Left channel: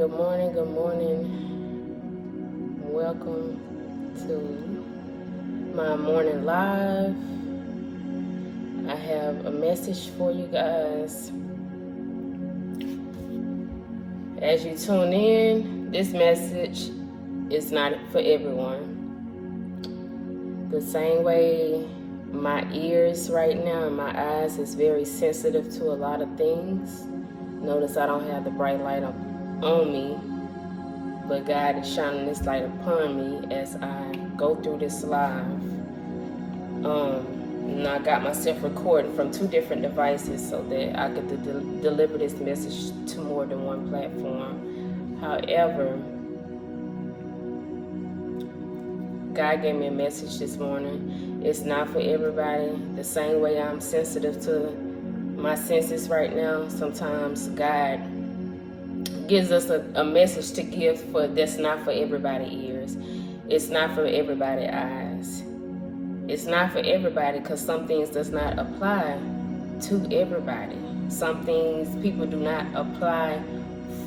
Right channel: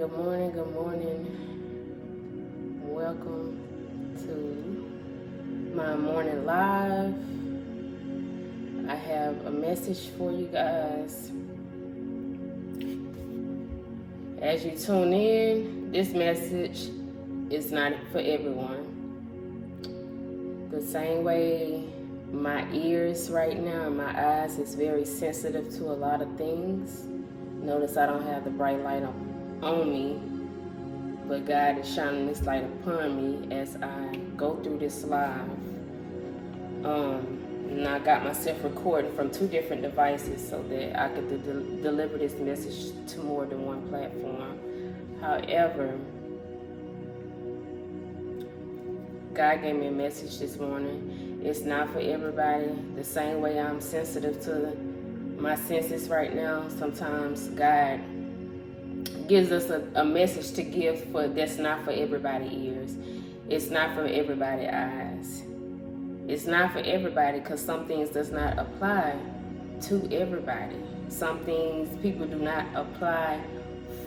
good morning, good morning. Welcome to my morning live. I have a message for you guys. As you tune in, this message is not for everyone. The same way my ears right now and my eyes is very sensitive to a lot of things. Notice I don't have the bright light on me, but God is shining this light upon me as I go through this live. And I got myself recorded from 2 different devices so that I could deliver this message to more than one platform. However, God gave me a message this morning. It's not for everybody. The same way I'm sensitive to my senses right now, sometimes God gives us a message to give that's not for everybody's ears. It's not for everybody's eyes. It's not for everybody because some things does not apply to everybody. Some things people do not apply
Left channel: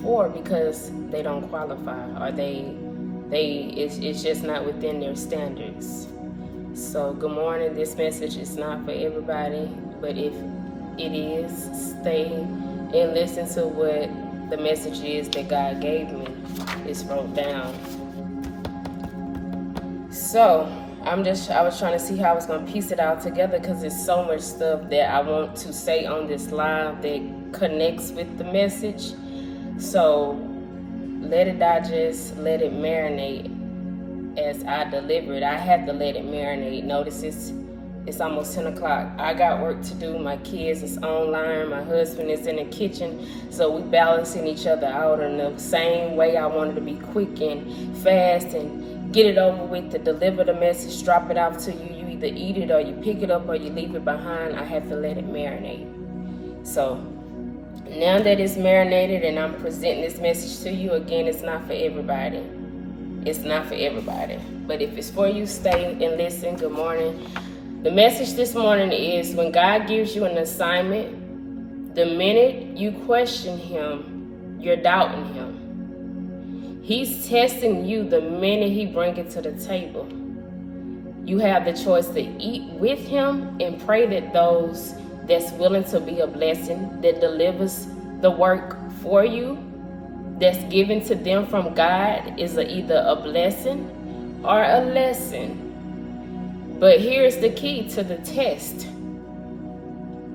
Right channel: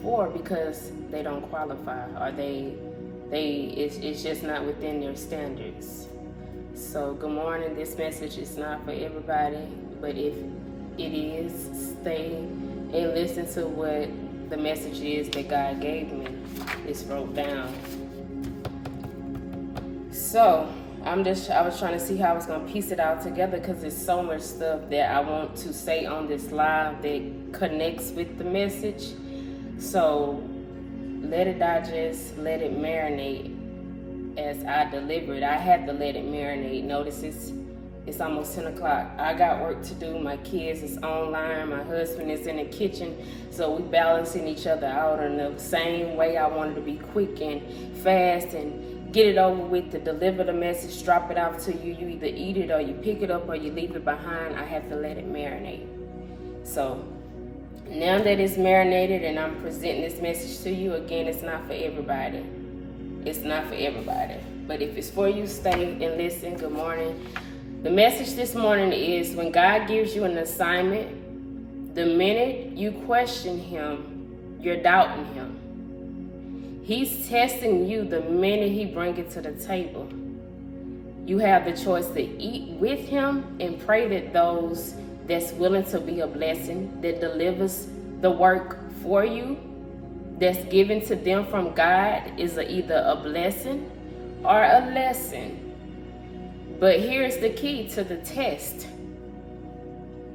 for because they don't qualify or it's just not within their standards. So good morning. This message is not for everybody, but if it is, stay and listen to what the message is that God gave me. It's wrote down. So I was trying to see how I was going to piece it all together because there's so much stuff that I want to say on this live that connects with the message. So let it digest, let it marinate as I deliver it. I have to let it marinate. Notice it's almost 10 o'clock. I got work to do. My kids is online. My husband is in the kitchen. So we balancing each other out in the same way. I wanted to be quick and fast and get it over with to deliver the message, drop it out to you. You either eat it or you pick it up or you leave it behind. I have to let it marinate. So now that it's marinated and I'm presenting this message to you, again, it's not for everybody. It's not for everybody. But if it's for you, stay and listen. Good morning. The message this morning is when God gives you an assignment, the minute you question him, you're doubting him. He's testing you the minute he brings it to the table. You have the choice to eat with him and pray that those that's willing to be a blessing, that delivers the work for you, that's given to them from God is either a blessing or a lesson. But here's the key to the test.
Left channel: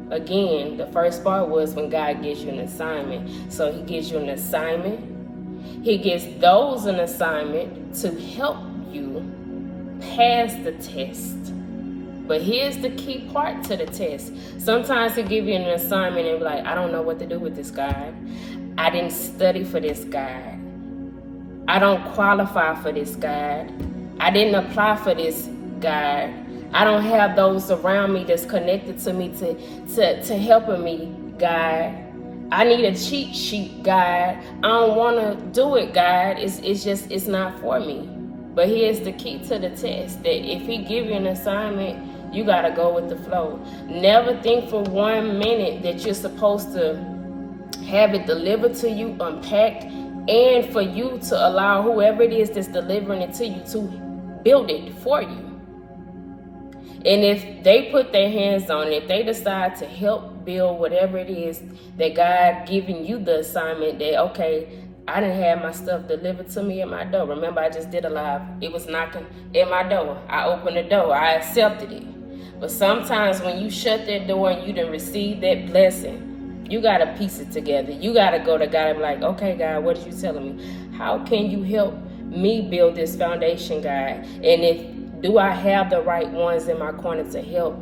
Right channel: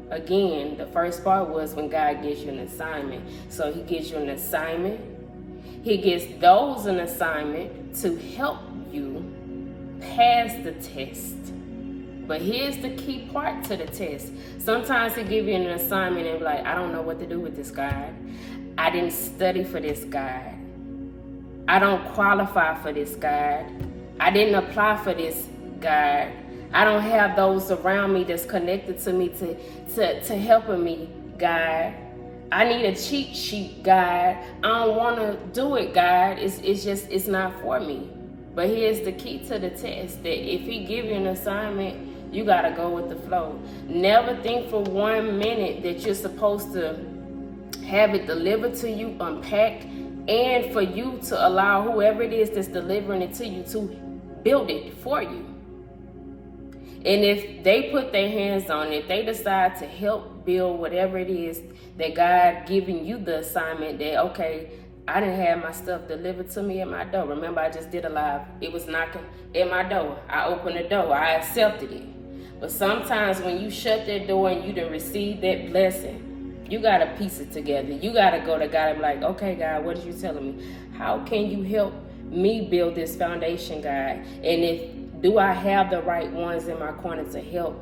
Again, the first part was when God gives you an assignment. So he gives you an assignment. He gives those an assignment to help you pass the test. But here's the key part to the test. Sometimes he give you an assignment and be like, I don't know what to do with this, God. I didn't study for this, God. I don't qualify for this, God. I didn't apply for this, God. I don't have those around me that's connected to me to helping me, God. I need a cheat sheet, God. I don't want to do it, God. It's not for me. But here's the key to the test, that if he give you an assignment, you got to go with the flow. Never think for 1 minute that you're supposed to have it delivered to you, unpacked, and for you to allow whoever it is that's delivering it to you to build it for you. And if they put their hands on it, if they decide to help build whatever it is that God giving you the assignment, that, okay, I didn't have my stuff delivered to me at my door. Remember, I just did a live. It was knocking at my door. I opened the door. I accepted it. But sometimes when you shut that door and you didn't receive that blessing, you got to piece it together. You got to go to God and be like, okay, God, what are you telling me? How can you help me build this foundation, God? And do I have the right ones in my corner to help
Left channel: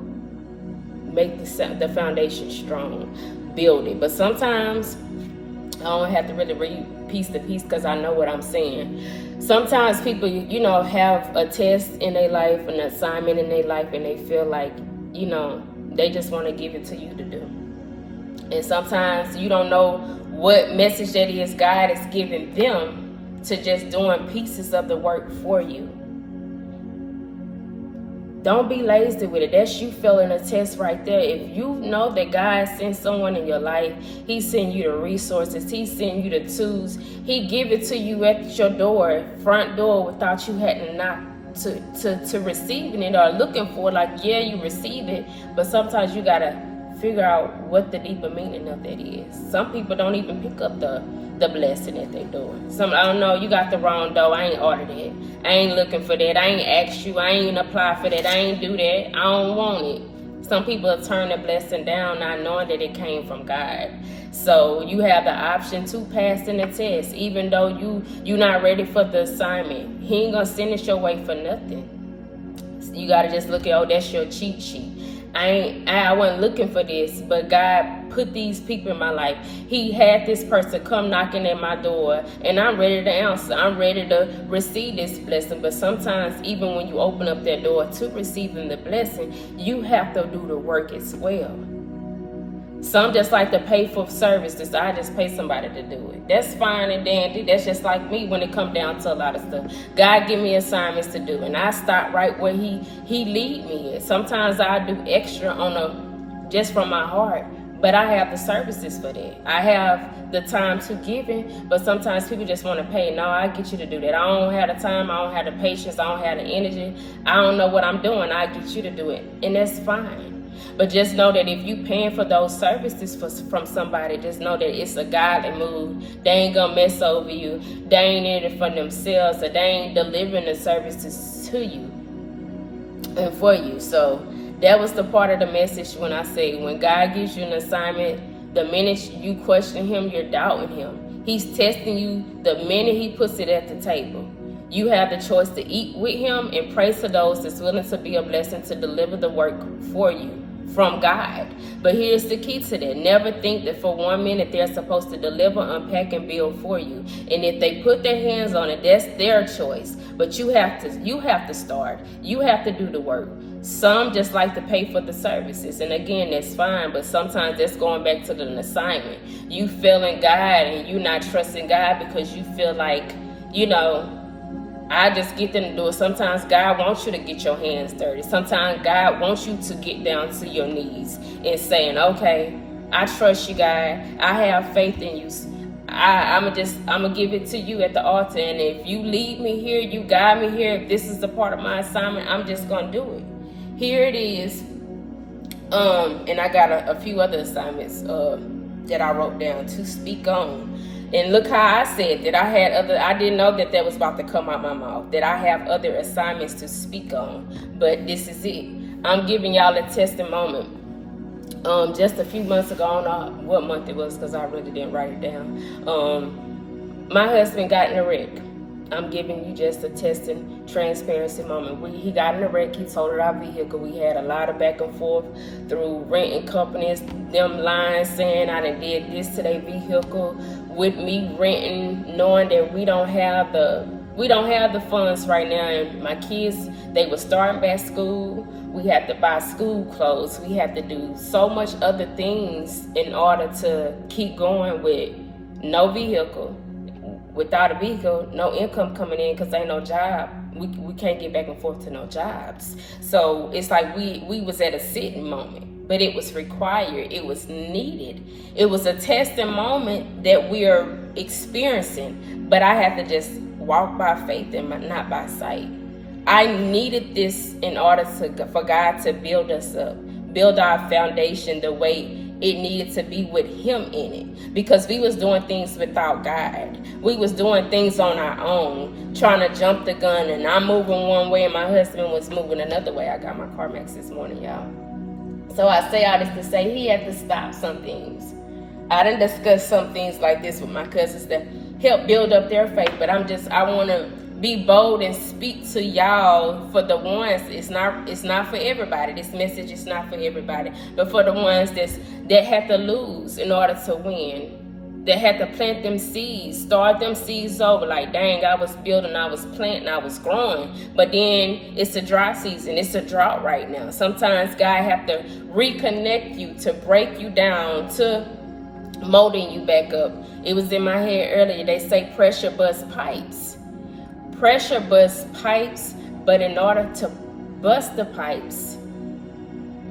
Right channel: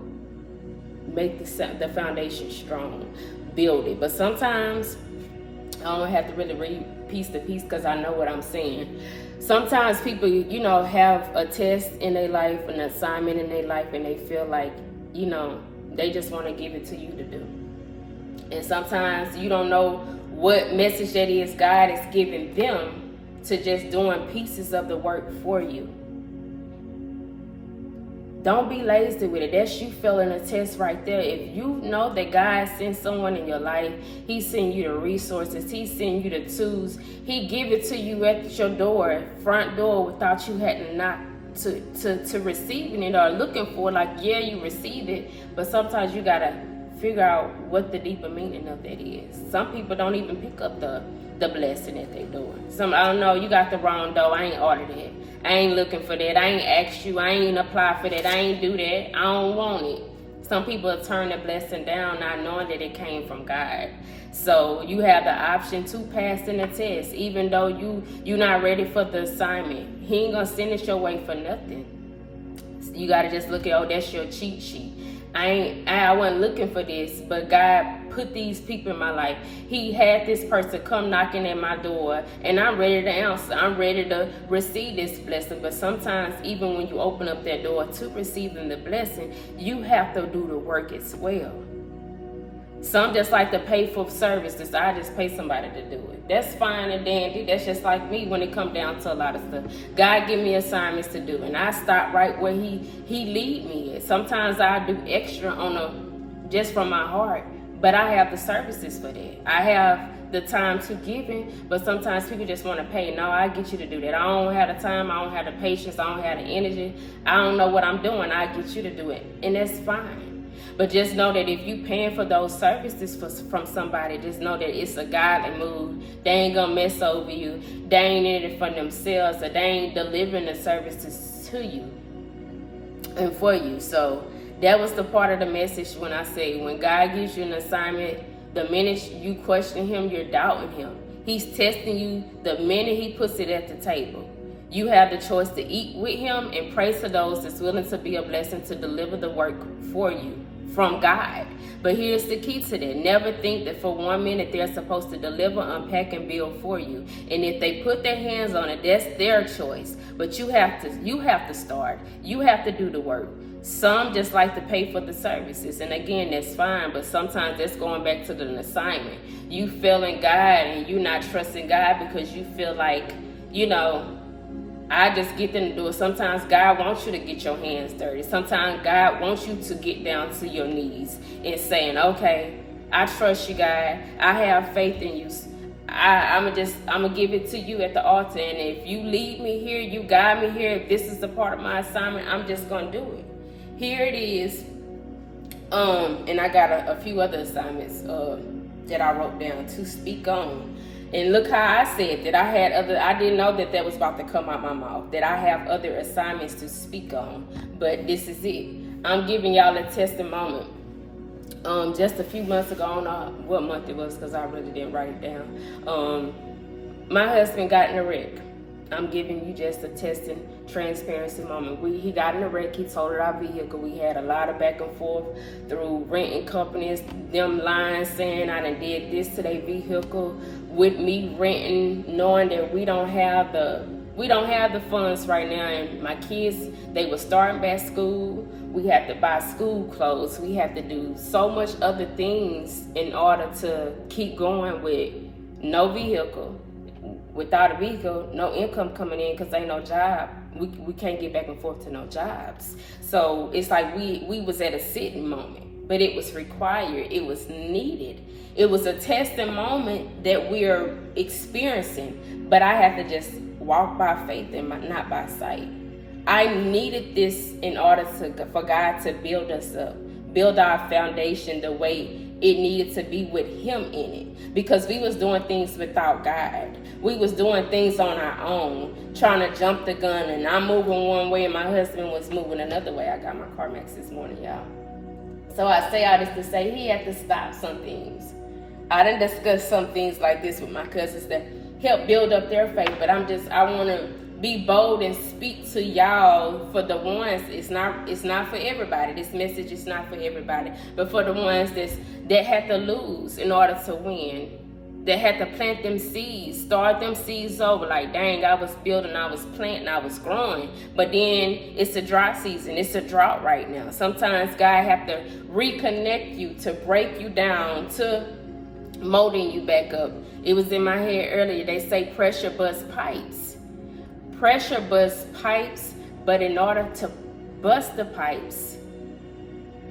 make the foundation strong, build it? But sometimes I don't have to really read piece to piece because I know what I'm saying. Sometimes people, have a test in their life, an assignment in their life, and they feel like, they just want to give it to you to do. And sometimes you don't know what message that is God is giving them to just doing pieces of the work for you. Don't be lazy with it. That's you failing a test right there. If you know that God sent someone in your life, He sent you the resources, He sent you the tools, He give it to you at your door, front door, without you having to knock to receiving it or looking for it. Like, yeah, you receive it, but sometimes you gotta figure out what the deeper meaning of that is. Some people don't even pick up the blessing that they doing. I don't know, you got the wrong dough. I ain't ordered it. I ain't looking for that. I ain't asked you. I ain't apply for that. I ain't do that. I don't want it. Some people turn the blessing down not knowing that it came from God. So you have the option to pass in the test, even though you not ready for the assignment. He ain't gonna send it your way for nothing. So you gotta just look at, that's your cheat sheet. I wasn't looking for this, but God put these people in my life. He had this person come knocking at my door, and I'm ready to answer. I'm ready to receive this blessing. But sometimes, even when you open up that door to receiving the blessing, you have to do the work as well. Some just like to pay for services. I just pay somebody to do it. That's fine and dandy. That's just like me when it comes down to a lot of stuff. God give me assignments to do, and I start right where He lead me at. Sometimes I do extra just from my heart, but I have the services for that. I have the time to give in, but sometimes people just want to pay. No, I get you to do that. I don't have the time. I don't have the patience. I don't have the energy. I don't know what I'm doing. I get you to do it, and that's fine. But just know that if you paying for those services from somebody, just know that it's a godly move. They ain't gonna mess over you. They ain't in it for themselves, or they ain't delivering the services to you and for you. So that was the part of the message when I say, when God gives you an assignment, the minute you question Him, you're doubting Him. He's testing you the minute He puts it at the table. You have the choice to eat with Him and pray to those that's willing to be a blessing to deliver the work for you from God. But here's the key to that. Never think that for 1 minute they're supposed to deliver, unpack, and build for you. And if they put their hands on it, that's their choice. But you have to start. You have to do the work. Some just like to pay for the services. And again, that's fine. But sometimes that's going back to the assignment. You failing God and you not trusting God because you feel like, I just get them to do it. Sometimes God wants you to get your hands dirty. Sometimes God wants you to get down to your knees and saying, okay, I trust you, God. I have faith in you. I'm gonna give it to you at the altar. And if you lead me here, you guide me here, if this is a part of my assignment, I'm just gonna do it. Here it is. And I got a few other assignments that I wrote down to speak on. And look how I said that I didn't know that was about to come out my mouth, that I have other assignments to speak on. But this is it. I'm giving y'all a testimony. Just a few months ago, I don't know what month it was because I really didn't write it down. My husband got in a wreck. I'm giving you just a testing transparency moment. He got in a wreck. He totaled our vehicle. We had a lot of back and forth through renting companies, them lying, saying I done did this to their vehicle, with me renting, knowing that we don't have the funds right now. And my kids, they were starting back school. We had to buy school clothes. We had to do so much other things in order to keep going with no vehicle. Without a vehicle, no income coming in because ain't no job. We can't get back and forth to no jobs. So it's like we was at a sitting moment, but it was required. It was needed. It was a testing moment that we are experiencing, but I had to just walk by faith and not by sight. I needed this in order for God to build us up, build our foundation the way it needed to be with Him in it, because we was doing things without God. We was doing things on our own, trying to jump the gun, and I'm moving one way and my husband was moving another way. I got my CarMax this morning, y'all. So I say all this to say he had to stop some things. I done discussed some things like this with my cousins that help build up their faith, but I want to be bold and speak to y'all. For the ones, it's not for everybody. This message is not for everybody, but for the ones that had to lose in order to win, that had to plant them seeds, start them seeds over. Like, dang, I was building, I was planting, I was growing, but then it's a dry season. It's a drought right now. Sometimes God have to reconnect you, to break you down, to molding you back up. It was in my head earlier. They say pressure busts pipes. Pressure busts pipes, but in order to bust the pipes,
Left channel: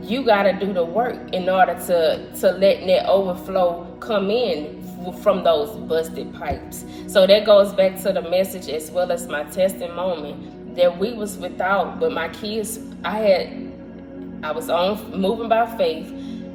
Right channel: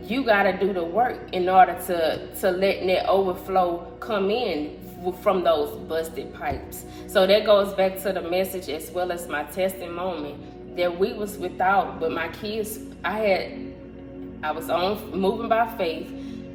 you got to do the work in order to let that overflow come in from those busted pipes. So that goes back to the message as well as my testimony that we was without, but my kids, I was on moving by faith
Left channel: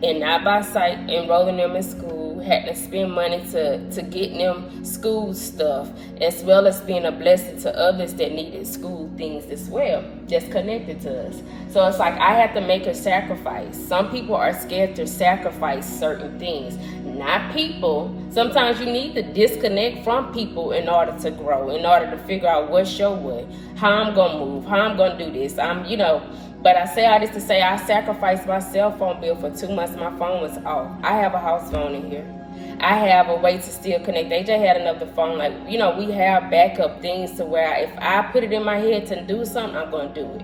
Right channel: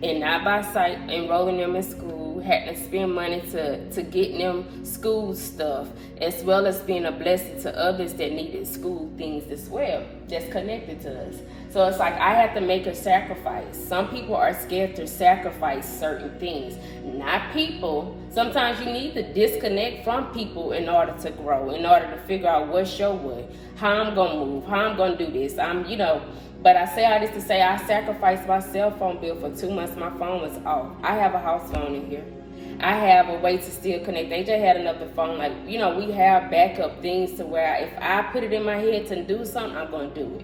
and not by sight, enrolling them in school, had to spend money to get them school stuff, as well as being a blessing to others that needed school things as well, that's connected to us. So it's like I had to make a sacrifice. Some people are scared to sacrifice certain things, not people. Sometimes you need to disconnect from people in order to grow, in order to figure out what's your way, how I'm going to move, how I'm going to do this. But I say all this to say I sacrificed my cell phone bill for 2 months. My phone was off. I have a house phone in here. I have a way to still connect. They just had another phone. We have backup things to where if I put it in my head to do something, I'm going to do it.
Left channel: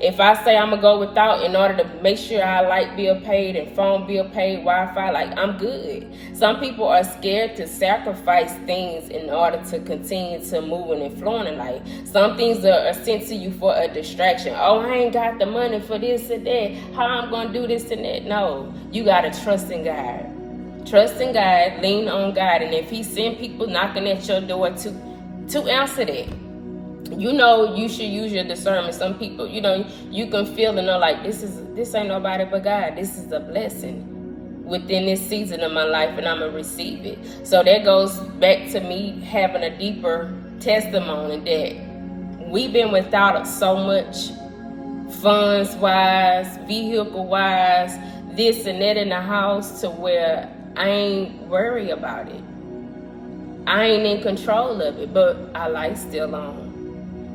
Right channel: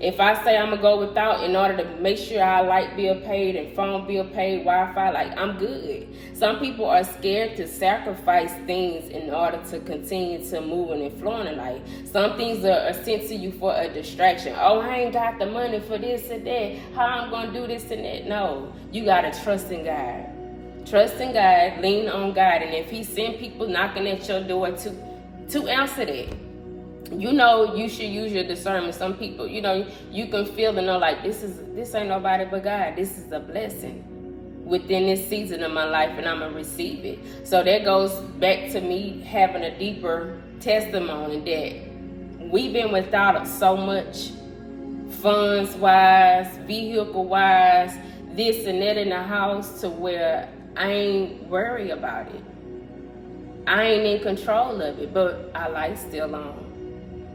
If I say I'm going to go without in order to make sure our light bill paid and phone bill paid, Wi-Fi, I'm good. Some people are scared to sacrifice things in order to continue to moving and flowing in life. Some things are sent to you for a distraction. Oh, I ain't got the money for this and that. How I'm going to do this and that? No, you got to trust in God. Trust in God, lean on God. And if he send people knocking at your door to answer that, you should use your discernment. Some people, you can feel and know this ain't nobody but God. This is a blessing within this season of my life, and I'm going to receive it. So that goes back to me having a deeper testimony that we've been without so much, funds-wise, vehicle-wise, this and that in the house, to where I ain't worried about it. I ain't in control of it, but our light's still on.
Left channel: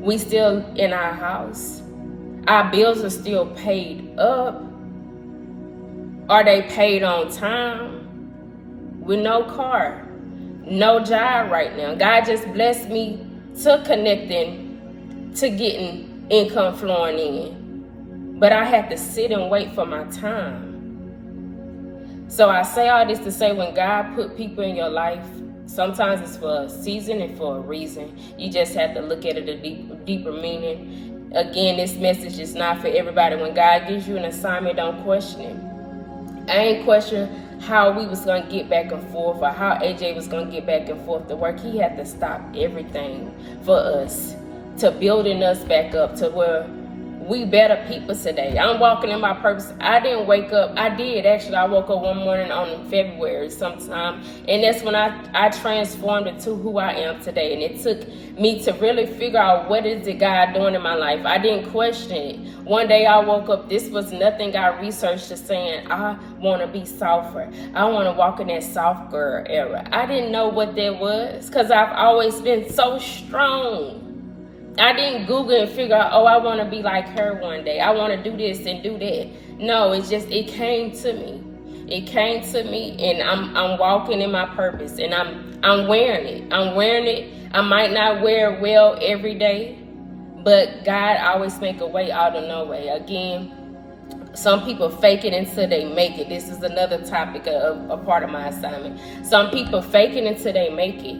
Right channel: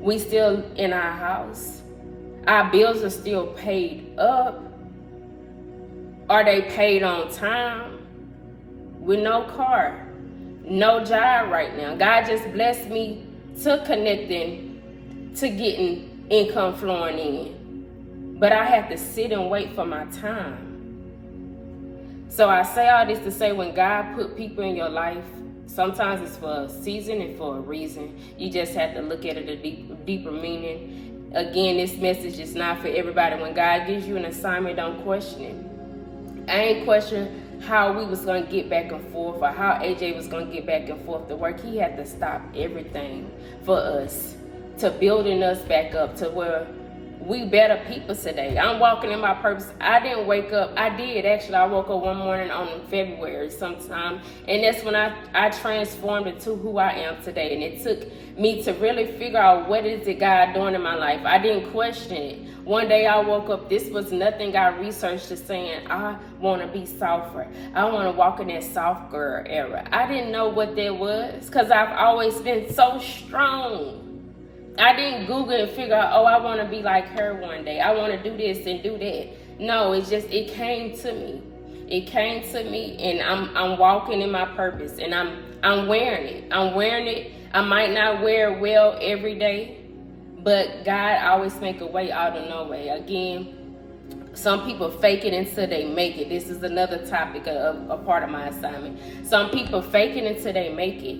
We still in our house. Our bills are still paid up. Are they paid on time? With no car, no job right now. God just blessed me to connecting, to getting income flowing in. But I have to sit and wait for my time. So I say all this to say, when God put people in your life, sometimes it's for a season and for a reason. You just have to look at it a deeper meaning. Again, this message is not for everybody. When God gives you an assignment, don't question it. I ain't questioning how we was going to get back and forth, or how AJ was going to get back and forth to work. He had to stop everything for us, to building us back up to where we better people today. I'm walking in my purpose. I didn't wake up. I did, actually. I woke up one morning on February sometime, and that's when I transformed into who I am today. And it took me to really figure out what is it God doing in my life. I didn't question it. One day I woke up, this was nothing I researched, just saying, I want to be softer. I want to walk in that soft girl era. I didn't know what that was, because I've always been so strong. I didn't Google and figure out, I want to be like her one day. I want to do this and do that. No, it came to me. It came to me, and I'm walking in my purpose, and I'm wearing it. I'm wearing it. I might not wear it well every day, but God always make a way out of no way. Again, some people fake it until they make it. This is another topic of a part of my assignment. Some people fake it until they make it.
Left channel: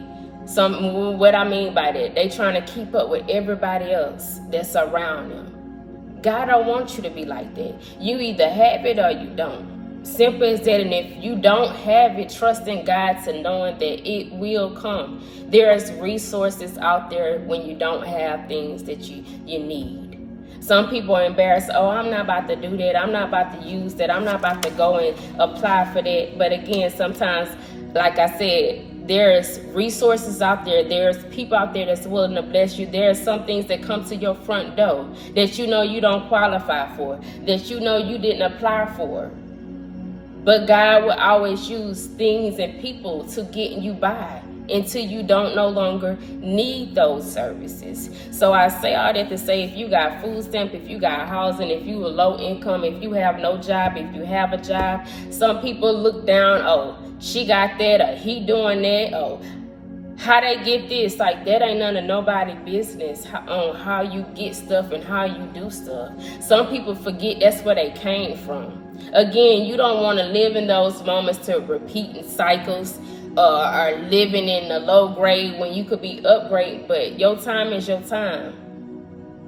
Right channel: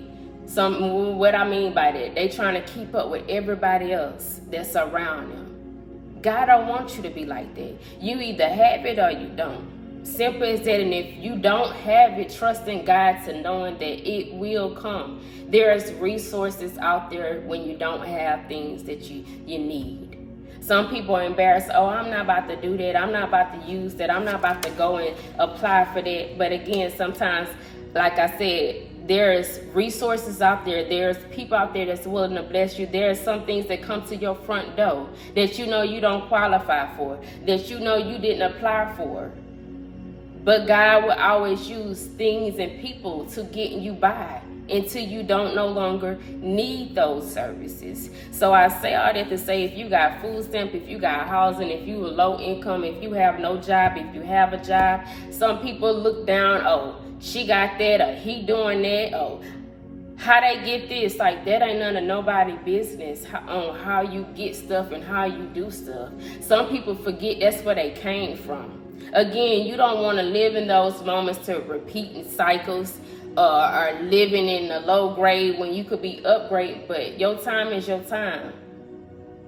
What I mean by that, they trying to keep up with everybody else that's around them. God don't want you to be like that. You either have it or you don't. Simple as that. And if you don't have it, trust in God to knowing that it will come. There's resources out there when you don't have things that you need. Some people are embarrassed. I'm not about to do that. I'm not about to use that. I'm not about to go and apply for that. But again, sometimes, like I said, there's resources out there. There's people out there that's willing to bless you. There's some things that come to your front door that you don't qualify for, that you didn't apply for. But God will always use things and people to get you by until you don't no longer need those services. So I say all that to say, if you got food stamp, if you got housing, if you are low income, if you have no job, if you have a job, some people look down, she got that, or he doing that, how they get this. Like, that ain't none of nobody's business on how you get stuff and how you do stuff. Some people forget that's where they came from. Again, you don't want to live in those moments to repeating cycles, or living in the low grade when you could be upgrade. But your time is your time.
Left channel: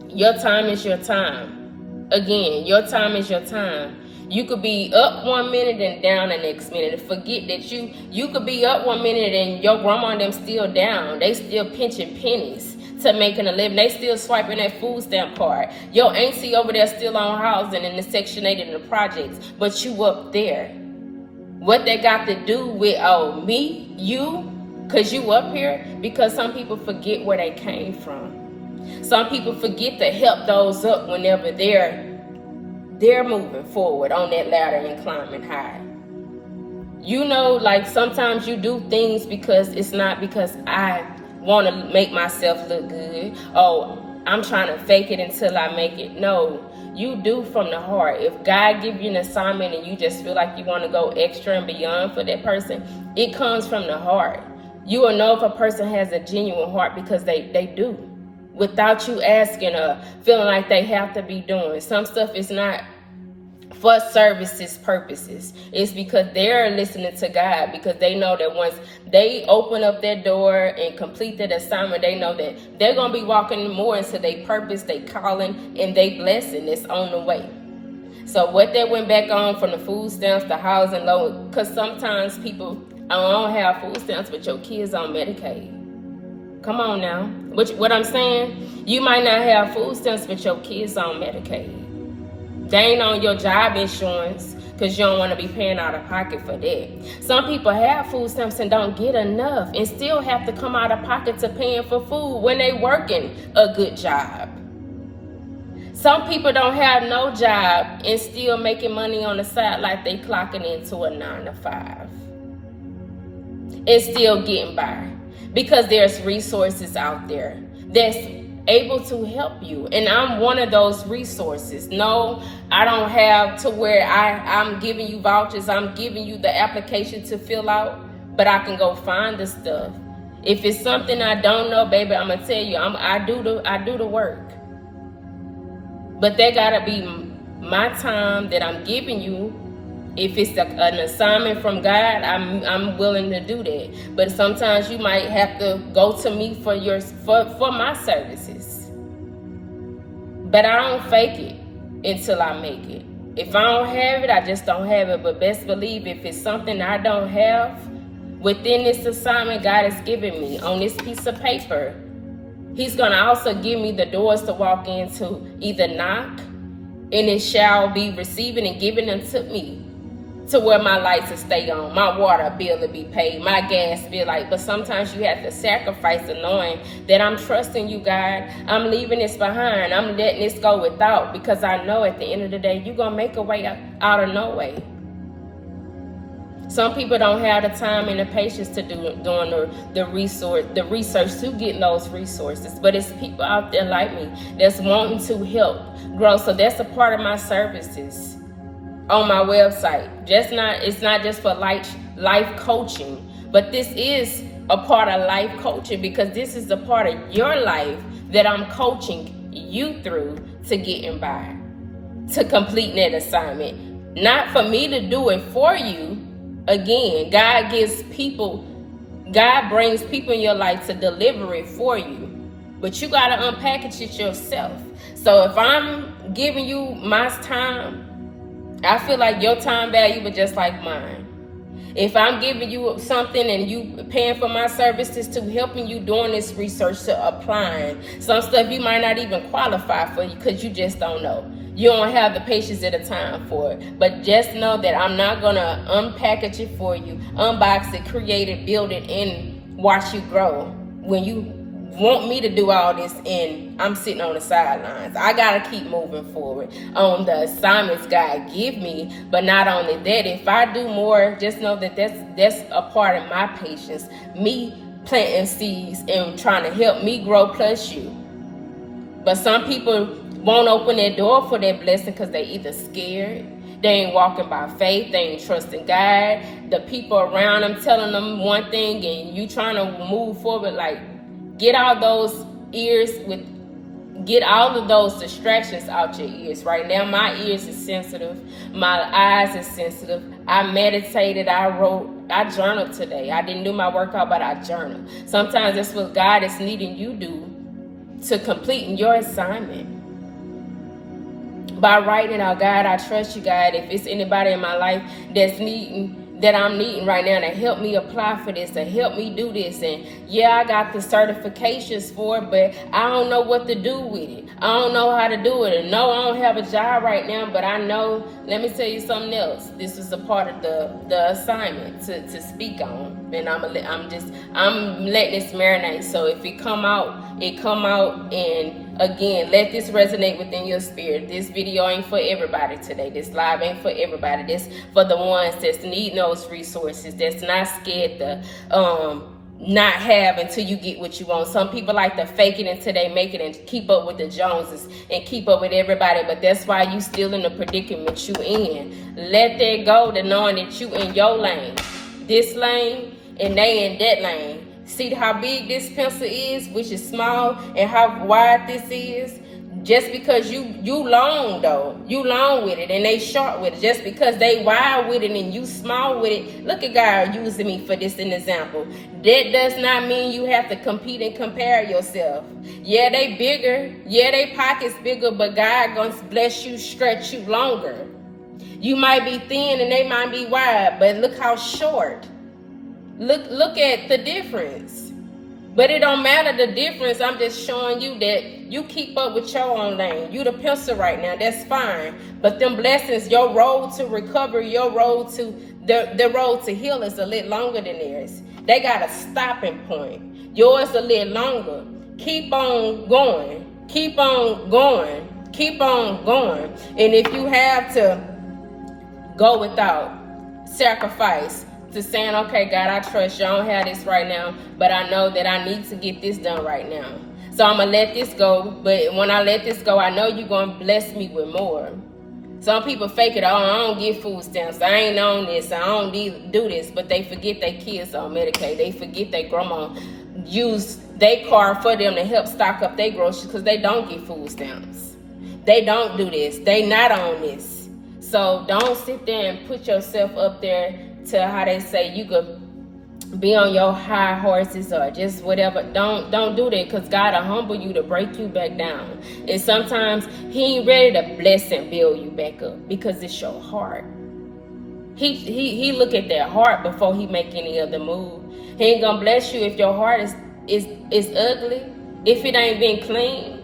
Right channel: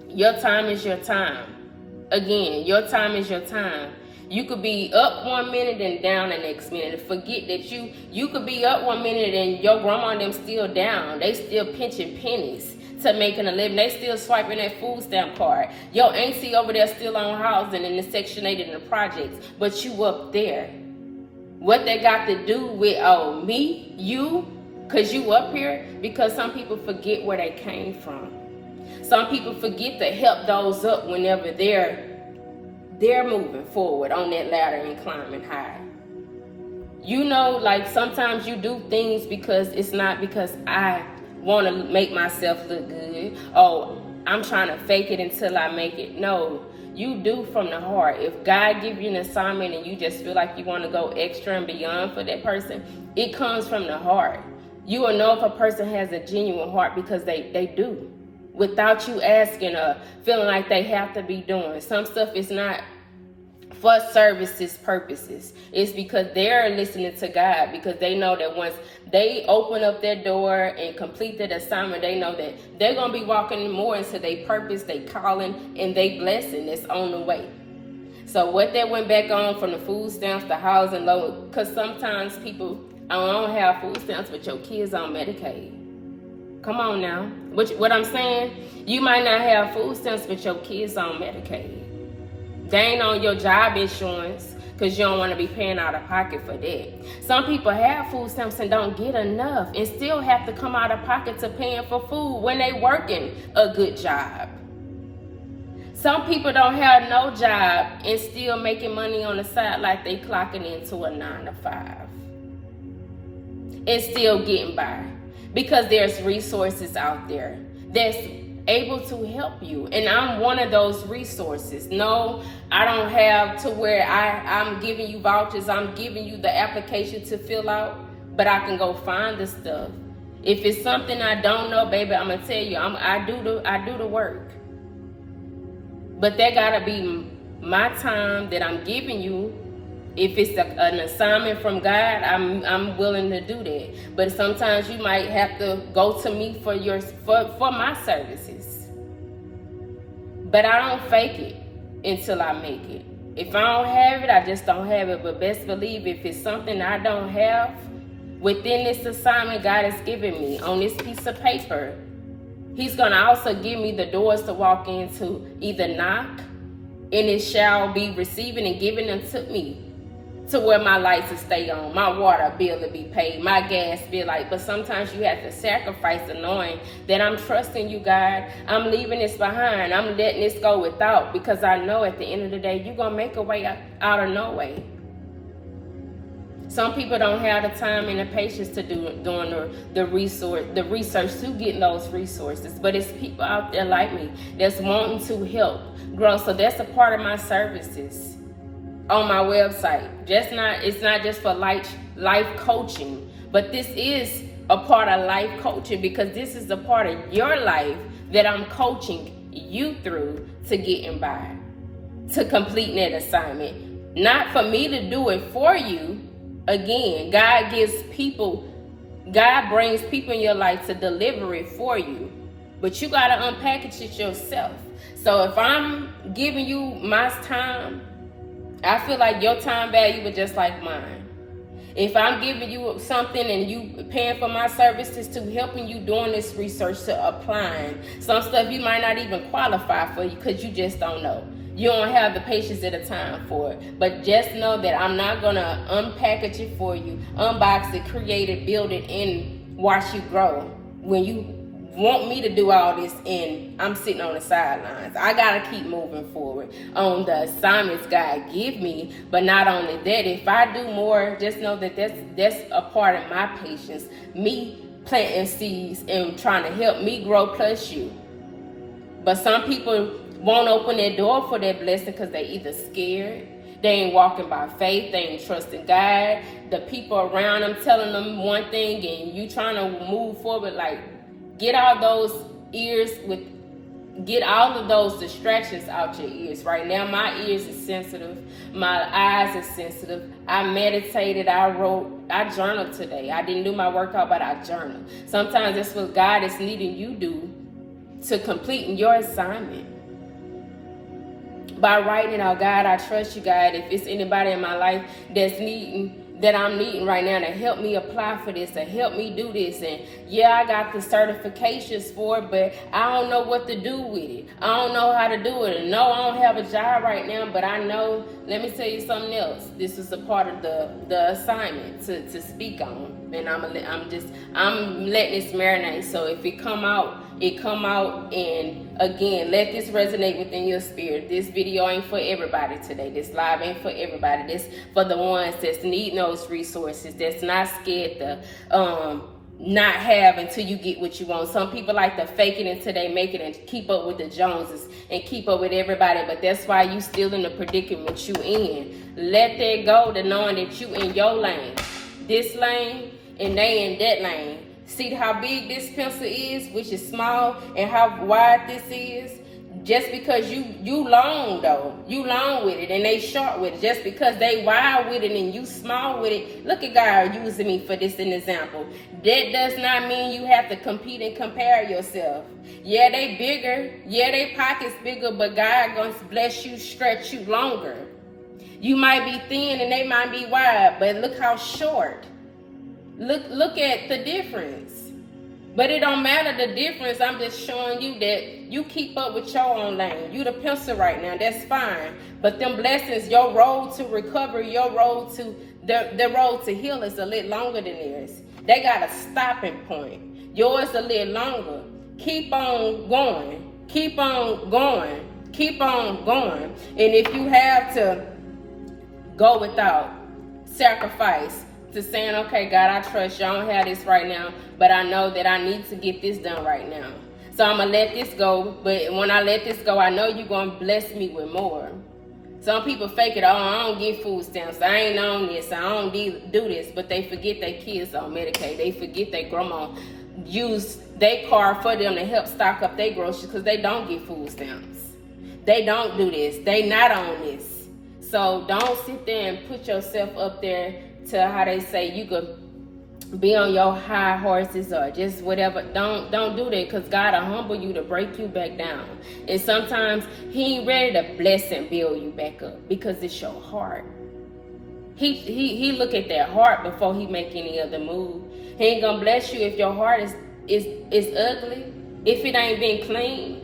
Your time is your time. Again, your time is your time. You could be up 1 minute and down the next minute. Forget that you could be up 1 minute and your grandma and them still down. They still pinching pennies to making a living. They still swiping that food stamp card. Your auntie over there still on housing in the Section 8 in the projects, but you up there. What they got to do with, me, you, because you up here? Because some people forget where they came from. Some people forget to help those up whenever they're moving forward on that ladder and climbing high. You know, like sometimes you do things because it's not because I want to make myself look good. Oh, I'm trying to fake it until I make it. No, you do from the heart. If God gives you an assignment and you just feel like you want to go extra and beyond for that person, it comes from the heart. You will know if a person has a genuine heart because they do. Without you asking or feeling like they have to be doing. Some stuff is not for services purposes. It's because they're listening to God, because they know that once they open up their door and complete that assignment, they know that they're going to be walking more into their purpose, their calling, and their blessing that's on the way. So what they went back on from the food stamps, the housing loan, because sometimes people don't have food stamps, but your kids on Medicaid. Come on now. What I'm saying, you might not have food stamps, but your kids on Medicaid. They ain't on your job insurance because you don't want to be paying out of pocket for that. Some people have food stamps and don't get enough and still have to come out of pocket to paying for food when they working a good job. Some people don't have no job and still making money on the side like they clocking into a 9 to 5 and still getting by. Because there's resources out there that's able to help you. And I'm one of those resources. No, I don't have to where I'm giving you vouchers. I'm giving you the application to fill out. But I can go find the stuff. If it's something I don't know, baby, I'm going to tell you, I do the work. But that got to be my time that I'm giving you. If it's an assignment from God, I'm willing to do that. But sometimes you might have to go to me for my services. But I don't fake it until I make it. If I don't have it, I just don't have it. But best believe if it's something I don't have within this assignment God has given me on this piece of paper, He's going to also give me the doors to walk into, either knock, and it shall be receiving and given unto me. To where my lights will stay on, my water bill will be paid, my gas bill. But sometimes you have to sacrifice the knowing that I'm trusting you, God. I'm leaving this behind. I'm letting this go without, because I know at the end of the day, you're going to make a way out of no way. Some people don't have the time and the patience to doing the research to getting those resources. But it's people out there like me that's wanting to help grow. So that's a part of my services on my website. It's not just for life coaching, but this is a part of life coaching, because this is a part of your life that I'm coaching you through to getting by, to completing that assignment. Not for me to do it for you. Again, God brings people in your life to deliver it for you, but you got to unpackage it yourself. So if I'm giving you my time, I feel like your time value is just like mine. If I'm giving you something and you paying for my services to helping you doing this research, to applying, some stuff you might not even qualify for because you just don't know. You don't have the patience at a time for it. But just know that I'm not going to unpackage it for you, unbox it, create it, build it, and watch you grow. When you want me to do all this and I'm sitting on the sidelines, I gotta keep moving forward on the assignments God give me. But not only that, if I do more, just know that that's a part of my patience, me planting seeds and trying to help me grow, plus you. But some people won't open their door for that blessing because they either scared, they ain't walking by faith, they ain't trusting God, the people around them telling them one thing and you trying to move forward. Get all of those distractions out your ears. Right now, my ears is sensitive. My eyes is sensitive. I meditated. I wrote. I journaled today. I didn't do my workout, but I journaled. Sometimes that's what God is needing you do to completing your assignment. by writing out, God, I trust you, God. If it's anybody in my life that I'm needing right now to help me apply for this, to help me do this. And yeah, I got the certifications for it, but I don't know what to do with it. I don't know how to do it. And no, I don't have a job right now, but I know, let me tell you something else. This is a part of the assignment to speak on. And I'm letting this marinate. So if it come out, and again, let this resonate within your spirit. This video ain't for everybody today. This live ain't for everybody. This for the ones that's needing those resources, that's not scared to not have until you get what you want. Some people like to fake it until they make it and keep up with the Joneses and keep up with everybody, but that's why you still in the predicament you in. Let that go, to knowing that you in your lane, this lane, and they in that lane. See how big this pencil is, which is small, and how wide this is? Just because you long though, you long with it, and they short with it. Just because they wide with it and you small with it. Look at God using me for this an example. That does not mean you have to compete and compare yourself. Yeah, they bigger. Yeah, they pockets bigger, but God gonna bless you, stretch you longer. You might be thin and they might be wide, but look how short. Look at the difference. But it don't matter the difference. I'm just showing you that you keep up with your own lane. You the pencil right now. That's fine. But them blessings, your road to recovery, your road to the road to heal is a little longer than theirs. They got a stopping point. Yours a little longer. Keep on going. Keep on going. Keep on going. And if you have to go without sacrifice, to saying, okay, God, I trust you. I don't have this right now, but I know that I need to get this done right now. So I'm going to let this go. But when I let this go, I know you're going to bless me with more. Some people fake it. Oh, I don't get food stamps. I ain't on this. I don't do this. But they forget their kids on Medicaid. They forget their grandma use their car for them to help stock up their groceries because they don't get food stamps. They don't do this. They not on this. So don't sit there and put yourself up there to how they say you could be on your high horses or just whatever. Don't do that, because God will humble you to break you back down. And sometimes he ain't ready to bless and build you back up because it's your heart. He look at that heart before he make any other move. He ain't gonna bless you if your heart is ugly, if it ain't been clean.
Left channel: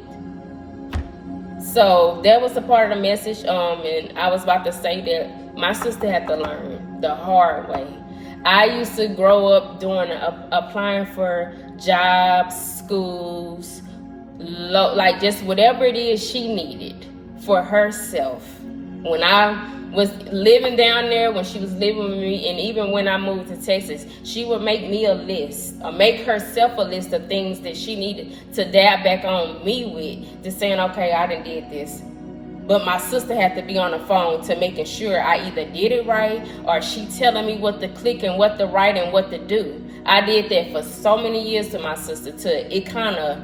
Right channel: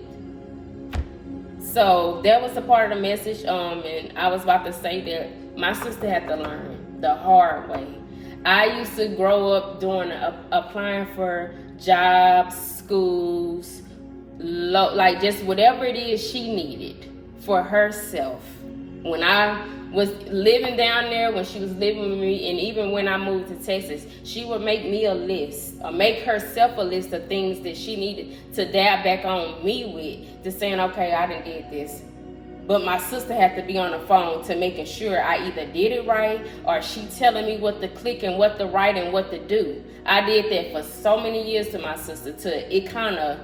So that was a part of the message. And I was about to say that my sister had to learn the hard way. I used to grow up doing applying for jobs, schools, like just whatever it is she needed for herself. When I was living down there, when she was living with me, and even when I moved to Texas, she would make me a list, or make herself a list of things that she needed to dab back on me with, to saying, okay, I done did this. But my sister had to be on the phone to making sure I either did it right, or she telling me what to click and what to write and what to do. I did that for so many years to my sister, it kind of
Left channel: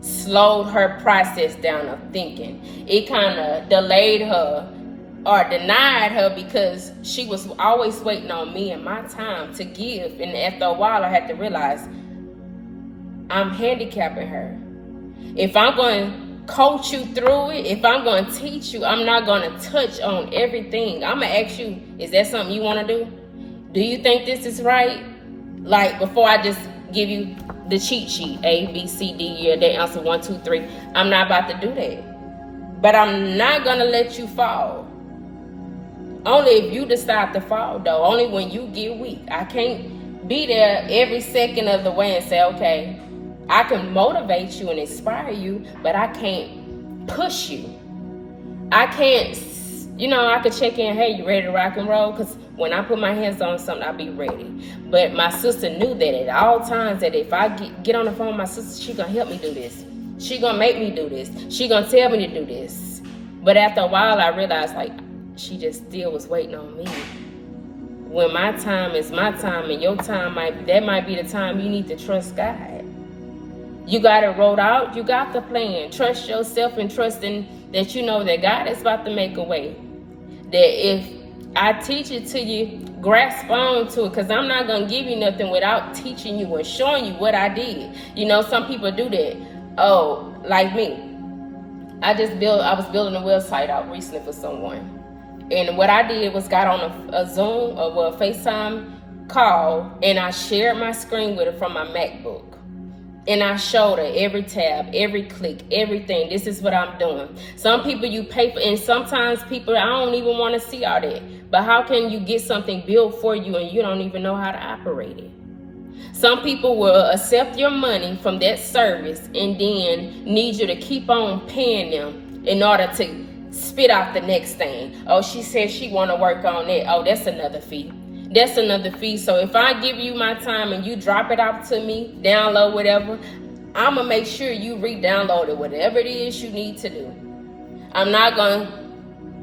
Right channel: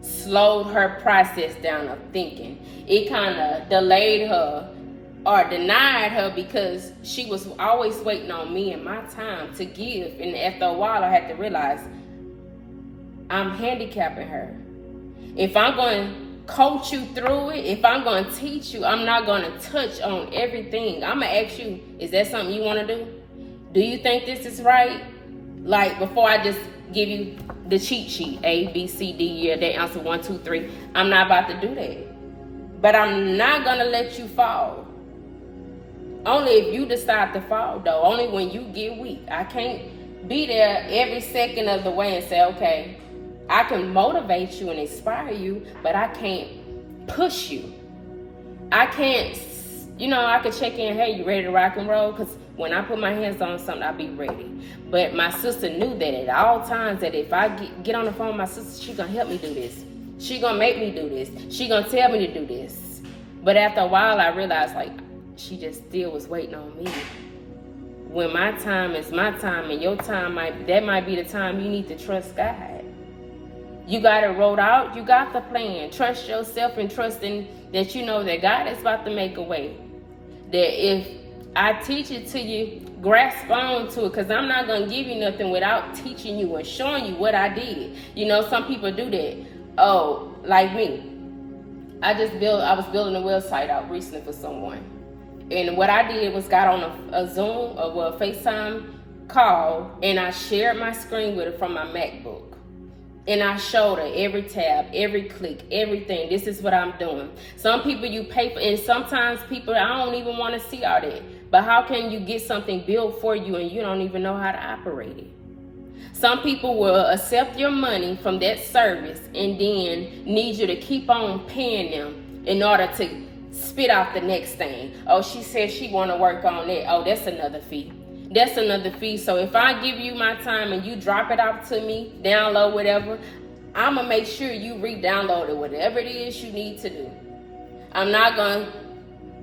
slowed her process down of thinking. It kind of delayed her or denied her, because she was always waiting on me and my time to give. And after a while, I had to realize I'm handicapping her. If I'm going to coach you through it, if I'm going to teach you, I'm not going to touch on everything. I'm going to ask you, is that something you want to do? Do you think this is right? Like, before I just give you the cheat sheet, A, B, C, D, yeah, they answer 1, 2, 3. I'm not about to do that. But I'm not going to let you fall. Only if you decide to fall, though. Only when you get weak. I can't be there every second of the way and say, okay, I can motivate you and inspire you, but I can't push you. I can't, I could check in, hey, you ready to rock and roll? Because when I put my hands on something, I'll be ready. But my sister knew that at all times, that if I get on the phone with my sister, she's going to help me do this. She's going to make me do this. She's going to tell me to do this. But after a while, I realized, like, she just still was waiting on me. When my time is my time, and your time might be the time you need to trust God. You got it wrote out. You got the plan. Trust yourself and trust in that you know that God is about to make a way. That if I teach it to you, grasp on to it, because I'm not going to give you nothing without teaching you and showing you what I did. Some people do that. Oh, like me. I was building a website out recently for someone. And what I did was got on a Zoom or a FaceTime call, and I shared my screen with her from my MacBook. And I showed her every tab, every click, everything. This is what I'm doing. Some people you pay for, and sometimes people, I don't even want to see all that. But how can you get something built for you and you don't even know how to operate it? Some people will accept your money from that service and then need you to keep on paying them in order to spit out the next thing. Oh, she said she want to work on that. Oh, that's another fee. That's another fee. So if I give you my time and you drop it out to me, download whatever, I'm going to make sure you re-download it, whatever it is you need to do. I'm not going to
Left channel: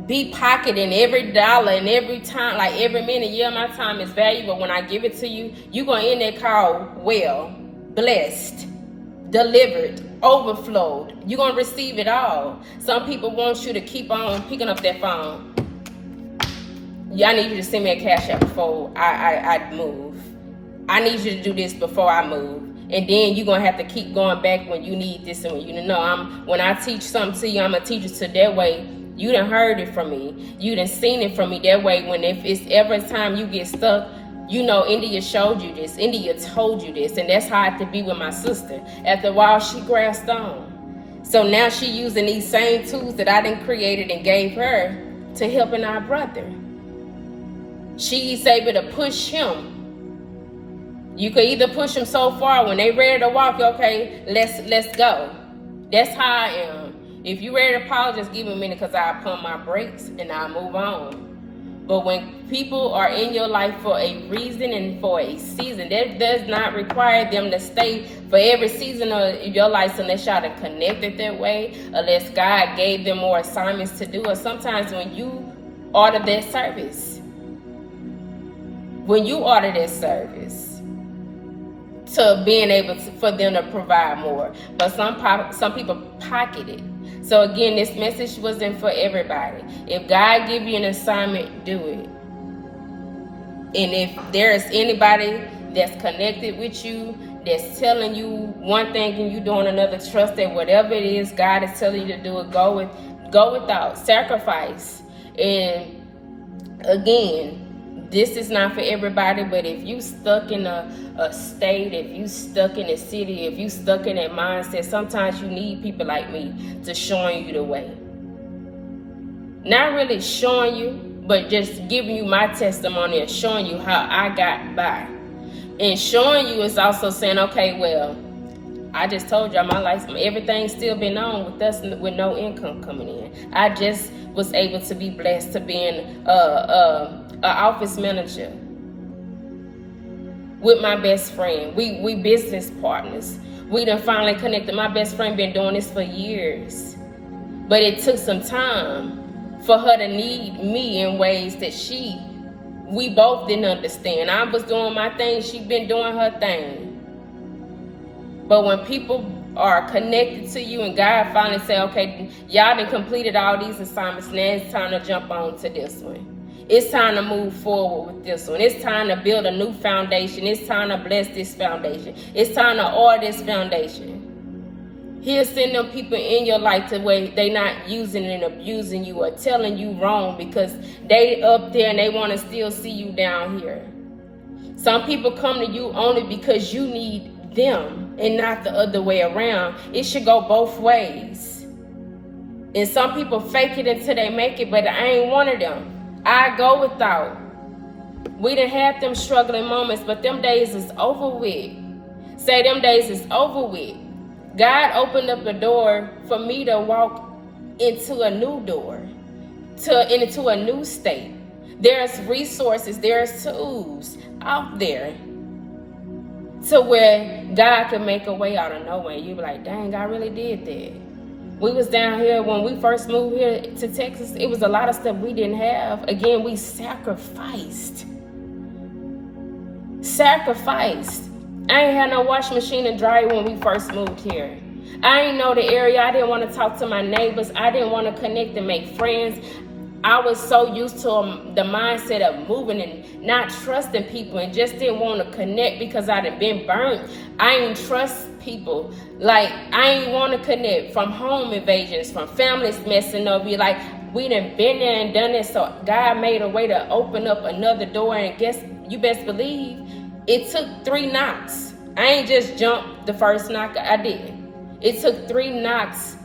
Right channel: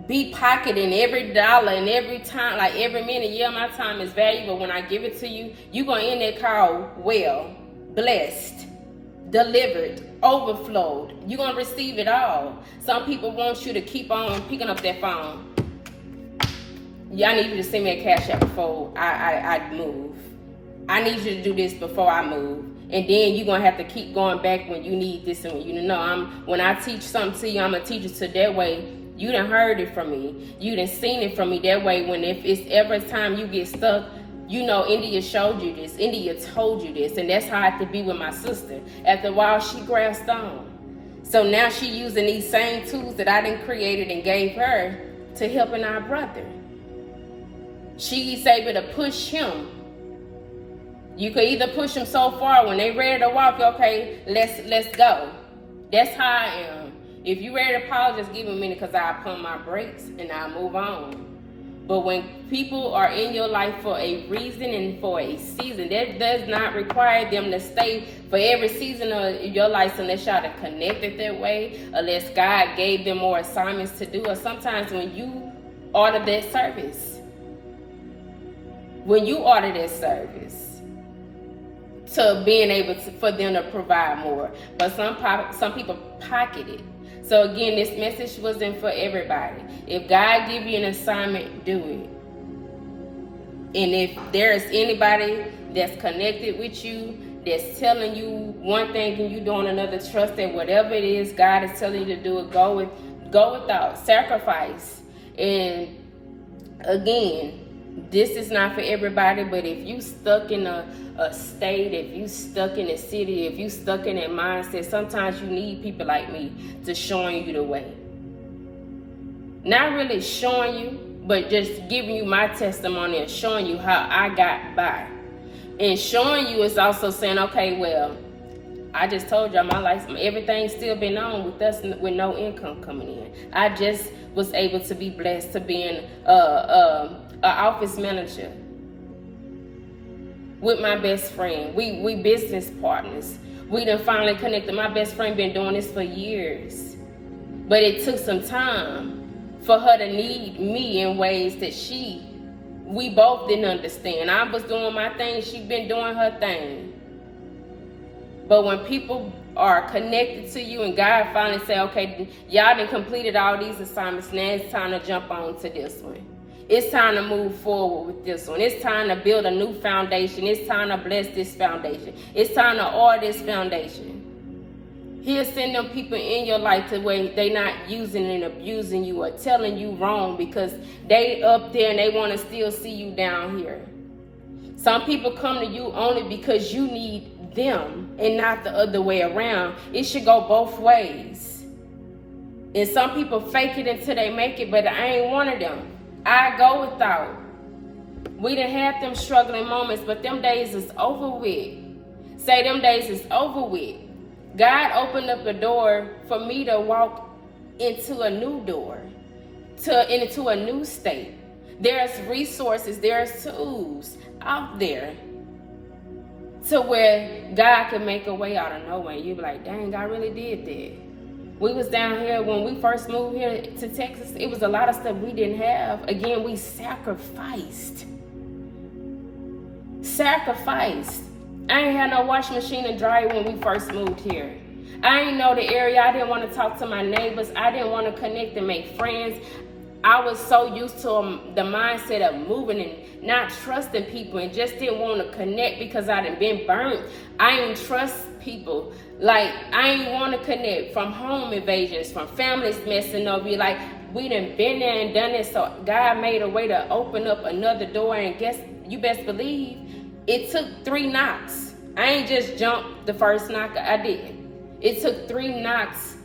be pocketing every dollar and every time, like every minute. Yeah, my time is valuable. When I give it to you, you're going to end that call well, blessed, delivered, overflowed. You're going to receive it all. Some people want you to keep on picking up that phone. Yeah, I need you to send me a cash app before I move. I need you to do this before I move. And then you're going to have to keep going back when you need this and when you know. When I teach something to you, I'm going to teach it to that way. You done heard it from me. You done seen it from me. That way, when if it's ever time you get stuck, you know India showed you this. India told you this. And that's how I had to be with my sister. After a while, she grasped on. So now she using these same tools that I done created and gave her to helping our brother. She's able to push him. You could either push him so far when they ready to walk, okay, let's go. That's how I am. If you ready to pause, just give me a minute because I pump my brakes and I move on. But when people are in your life for a reason and for a season, that does not require them to stay for every season of your life unless y'all are connected that way, unless God gave them more assignments to do. Or sometimes when you order that service, to being able to, for them to provide more. But some people pocket it. So again, this message wasn't for everybody. If God give you an assignment, do it. And if there's anybody that's connected with you, that's telling you one thing and you doing another, trust that whatever it is God is telling you to do it, go without sacrifice. And again, this is not for everybody, but if you stuck in a state, if you stuck in a city, if you stuck in that mindset, sometimes you need people like me to showing you the way. Not really showing you, but just giving you my testimony and showing you how I got by. And showing you is also saying, okay, well, I just told y'all my life, everything's still been on with us with no income coming in. I just was able to be blessed to being an office manager with my best friend. We business partners. We done finally connected. My best friend been doing this for years. But it took some time for her to need me in ways that we both didn't understand. I was doing my thing, she been doing her thing. But when people are connected to you and God finally say, okay, y'all done completed all these assignments, now it's time to jump on to this one. It's time to move forward with this one. It's time to build a new foundation. It's time to bless this foundation. It's time to order this foundation. He'll send them people in your life to where they not using and abusing you or telling you wrong because they up there and they want to still see you down here. Some people come to you only because you need them and not the other way around. It should go both ways. And some people fake it until they make it, but I ain't one of them. I go without. We done had them struggling moments, but them days is over with. Say them days is over with. God opened up a door for me to walk into a new door, into a new state. There's resources, there's tools out there to where God can make a way out of no way. You be like, dang, I really did that. We was down here when we first moved here to Texas. It was a lot of stuff we didn't have. Again, we sacrificed. I ain't had no washing machine and dryer when we first moved here. I ain't know the area. I didn't want to talk to my neighbors. I didn't want to connect and make friends. I was so used to the mindset of moving and not trusting people and just didn't want to connect because I done been burnt. I ain't trust people. Like, I ain't want to connect from home invasions, from families messing over you. Like, we done been there and done it. So God made a way to open up another door. And guess, you best believe, it took 3 knocks. I ain't just jumped the first knock. I didn't. It took 3 knocks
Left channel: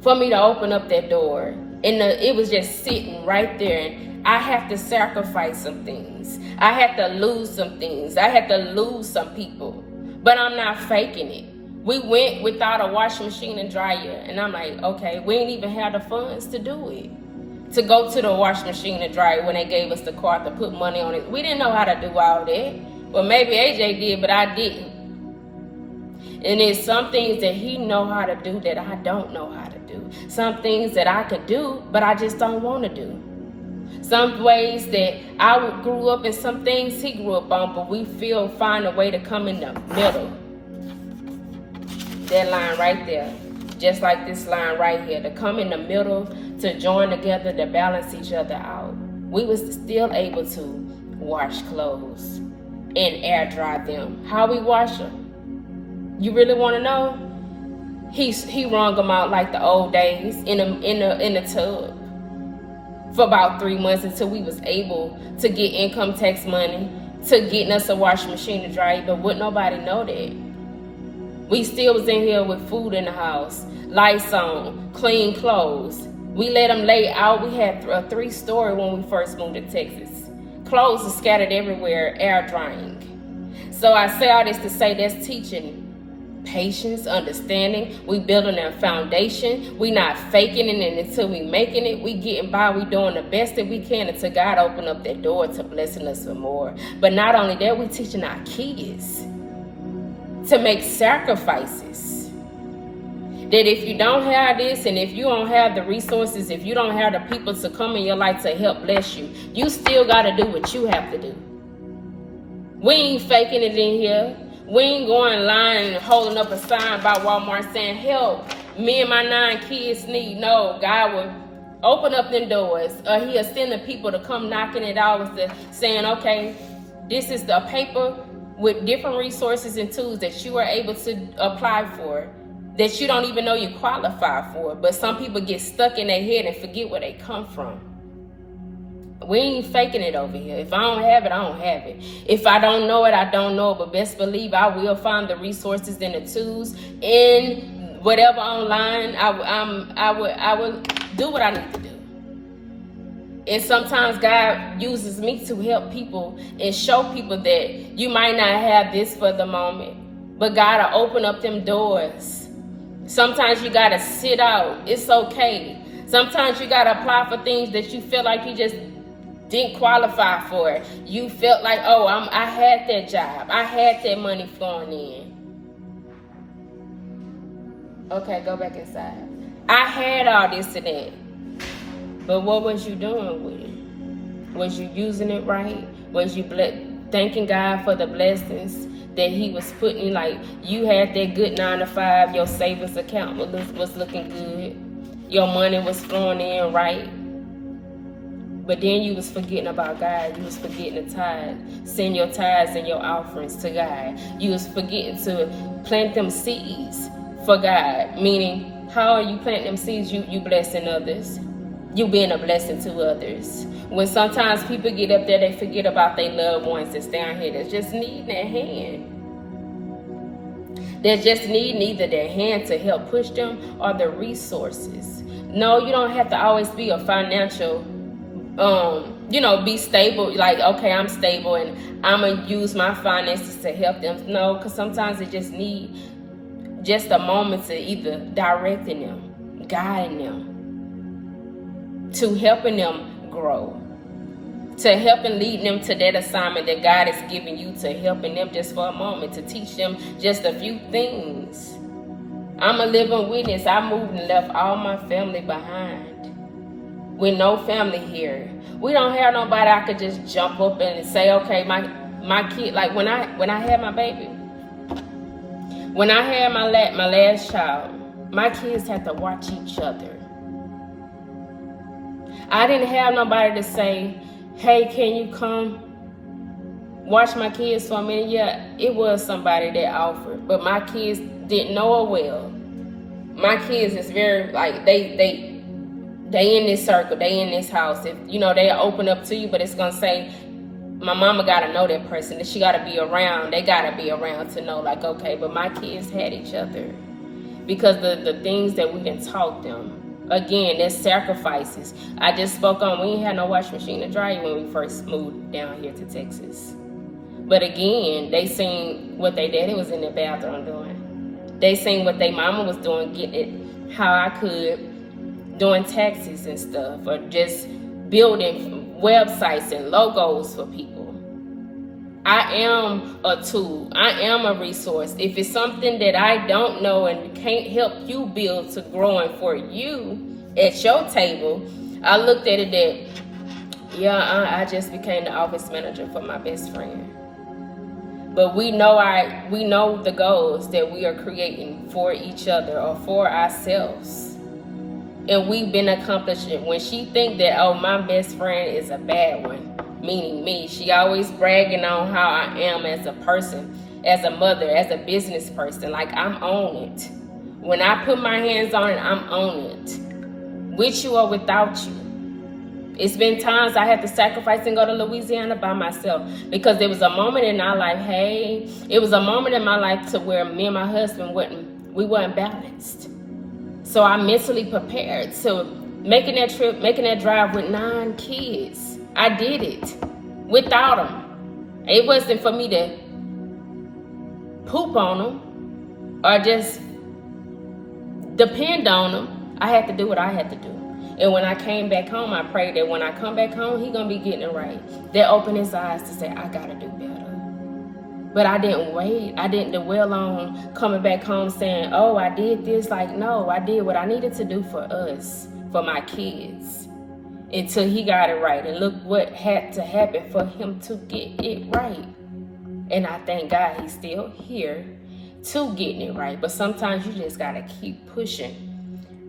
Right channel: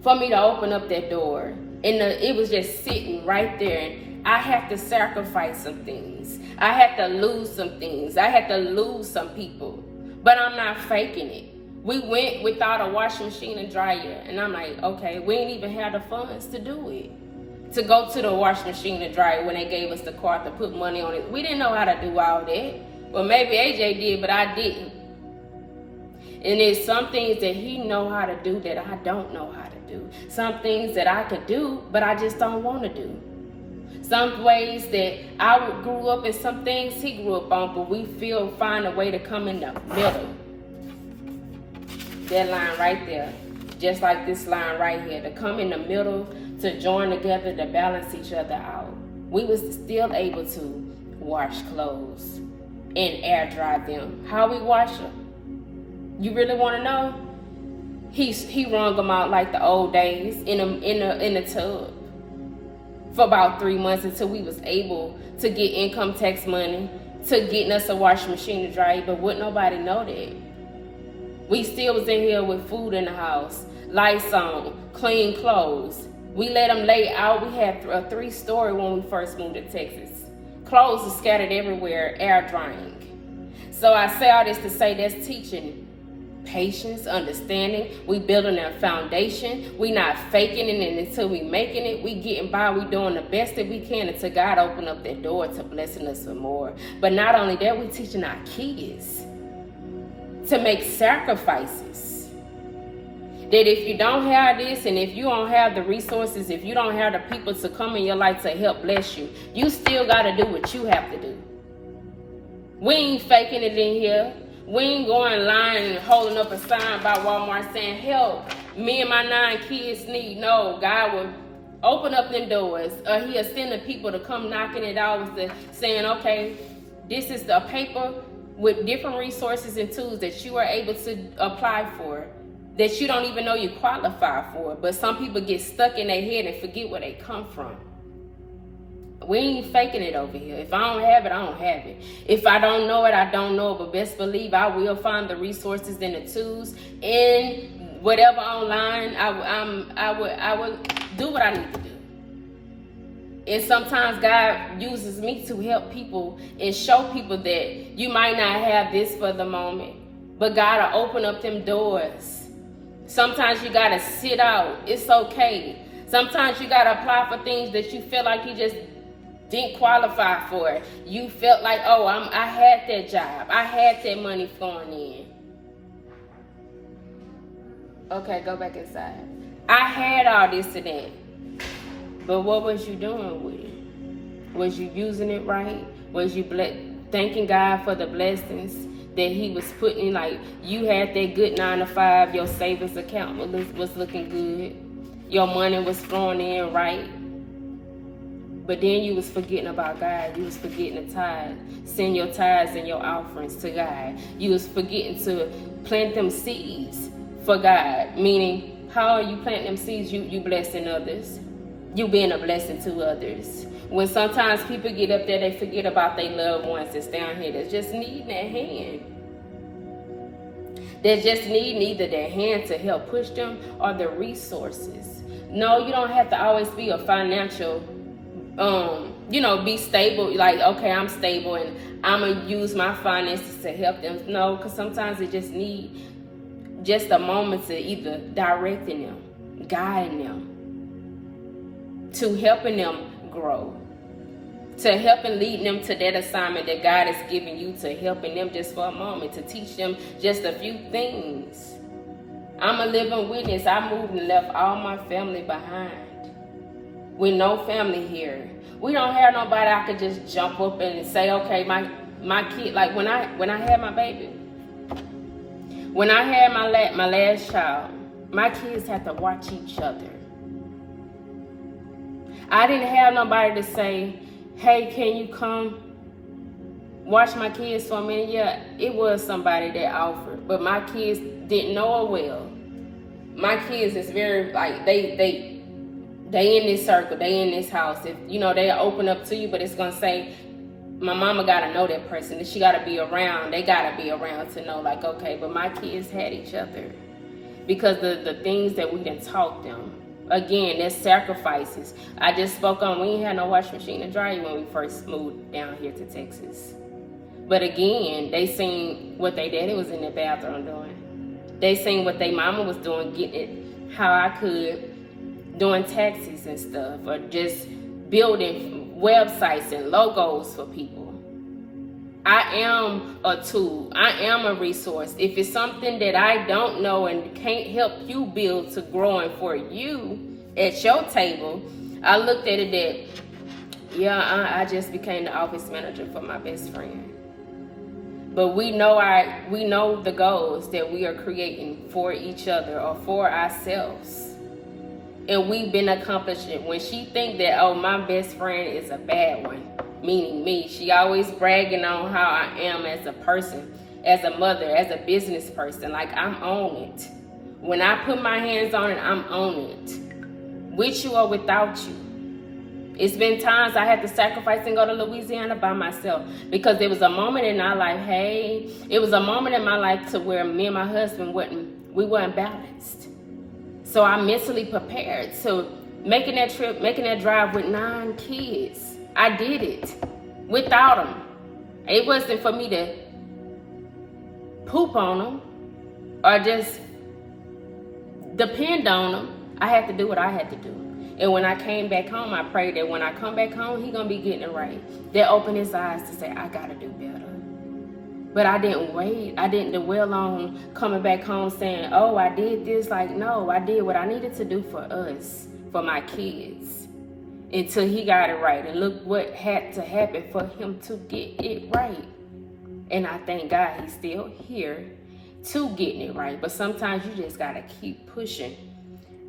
for me to open up that door. And it was just sitting right there. And I had to sacrifice some things. I had to lose some things. I had to lose some people. But I'm not faking it. We went without a washing machine and dryer. And I'm like, okay, we ain't even have the funds to do it. To go to the washing machine and dryer when they gave us the card to put money on it. We didn't know how to do all that. Well, maybe AJ did, but I didn't. And there's some things that he know how to do that I don't know how to do. Some things that I could do, but I just don't want to do. Some ways that I grew up and some things he grew up on, but we find a way to come in the middle. That line right there, just like this line right here, to come in the middle, to join together, to balance each other out. We was still able to wash clothes and air dry them. How we wash them? You really want to know? He wrung them out like the old days in the tub for about 3 months until we was able to get income tax money to getting us a washing machine to dry. But wouldn't nobody know that? We still was in here with food in the house, lights on, clean clothes. We let them lay out. We had a 3-story when we first moved to Texas. Clothes are scattered everywhere, air drying. So I say all this to say that's teaching patience, understanding. We building a foundation. We not faking it until we making it. We getting by. We doing the best that we can until God open up that door to blessing us for more. But not only that, we teaching our kids to make sacrifices. That if you don't have this, and if you don't have the resources, if you don't have the people to come in your life to help bless you, you still got to do what you have to do. We ain't faking it in here. We ain't going line and holding up a sign by Walmart saying, help, me and my 9 kids need. No, God will open up them doors. He'll send the people to come knocking it out with saying, okay, this is the paper with different resources and tools that you are able to apply for, that you don't even know you qualify for. But some people get stuck in their head and forget where they come from. We ain't faking it over here. If I don't have it, I don't have it. If I don't know it, I don't know it. But best believe I will find the resources and the tools in whatever online. I will do what I need to do. And sometimes God uses me to help people and show people that you might not have this for the moment, but God will open up them doors. Sometimes you got to sit out. It's okay. Sometimes you got to apply for things that you feel like you just didn't qualify for. You felt like, oh, I had that job. I had that money flowing in. Okay, go back inside. I had all this and that. But what was you doing with it? Was you using it right? Was you thanking God for the blessings that he was putting in? Like, you had that good 9 to 5, your savings account was looking good. Your money was flowing in right. But then you was forgetting about God. You was forgetting the tithe. Send your tithes and your offerings to God. You was forgetting to plant them seeds for God. Meaning, how are you planting them seeds? You blessing others. You being a blessing to others. When sometimes people get up there, they forget about their loved ones that's down here that just need their hand. They just need neither their hand to help push them or the resources. No, you don't have to always be a financial be stable. Like, okay, I'm stable and I'm going to use my finances to help them. No, because sometimes they just need just a moment to either directing them, guiding them, to helping them grow, to helping lead them to that assignment that God has given you, to helping them just for a moment, to teach them just a few things. I'm a living witness. I moved and left all my family behind. With no family here. We don't have nobody I could just jump up and say, okay, my kid, like when I had my baby, when I had my last child, my kids had to watch each other. I didn't have nobody to say, hey, can you come watch my kids for a minute? Yeah, it was somebody that offered, but my kids didn't know her well. My kids is very, like, they in this circle, they in this house. If they open up to you, but it's gonna say, my mama gotta know that person, that she gotta be around. They gotta be around to know, like, okay. But my kids had each other because the things that we done taught them. Again, there's sacrifices. I just spoke on, we ain't had no washing machine and dryer when we first moved down here to Texas. But again, they seen what they daddy was in their bathroom doing. They seen what their mama was doing, getting it how I could, doing taxes and stuff, or just building websites and logos for people. I am a tool. I am a resource. If it's something that I don't know and can't help you build to growing for you at your table, I looked at it that, I just became the office manager for my best friend. But we know the goals that we are creating for each other or for ourselves. And we've been accomplishing. When she think that, oh, my best friend is a bad one, meaning me, she always bragging on how I am as a person, as a mother, as a business person. Like, I'm on it. When I put my hands on it, I'm on it. With you or without you. It's been times I had to sacrifice and go to Louisiana by myself because there was a moment in our life, it was a moment in my life to where me and my husband weren't balanced. So I mentally prepared. So making that trip, making that drive with 9 kids, I did it without them. It wasn't for me to poop on them or just depend on them. I had to do what I had to do. And when I came back home, I prayed that when I come back home, he gonna be getting it right. That opened his eyes to say, I gotta do better. But I didn't wait. I didn't dwell on coming back home saying, oh, I did this. Like, no, I did what I needed to do for us, for my kids, until he got it right. And look what had to happen for him to get it right. And I thank God he's still here to getting it right. But sometimes you just gotta keep pushing.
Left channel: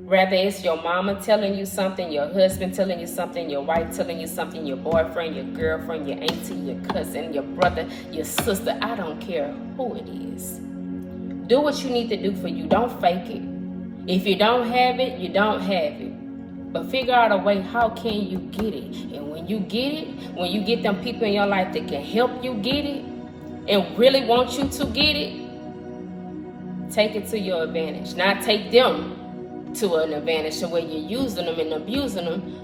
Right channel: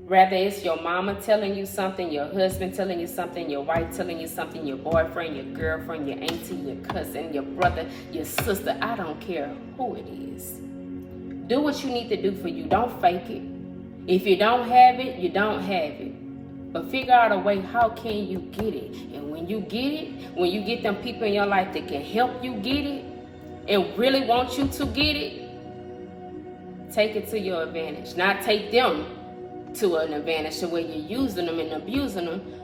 Whether it's your mama telling you something, your husband telling you something, your wife telling you something, your boyfriend, your girlfriend, your auntie, your cousin, your brother, your sister, I don't care who it is. Do what you need to do for you. Don't fake it. If you don't have it, you don't have it. But figure out a way, how can you get it? And when you get it, when you get them people in your life that can help you get it and really want you to get it, take it to your advantage. Not take them to an advantage to where you're using them and abusing them,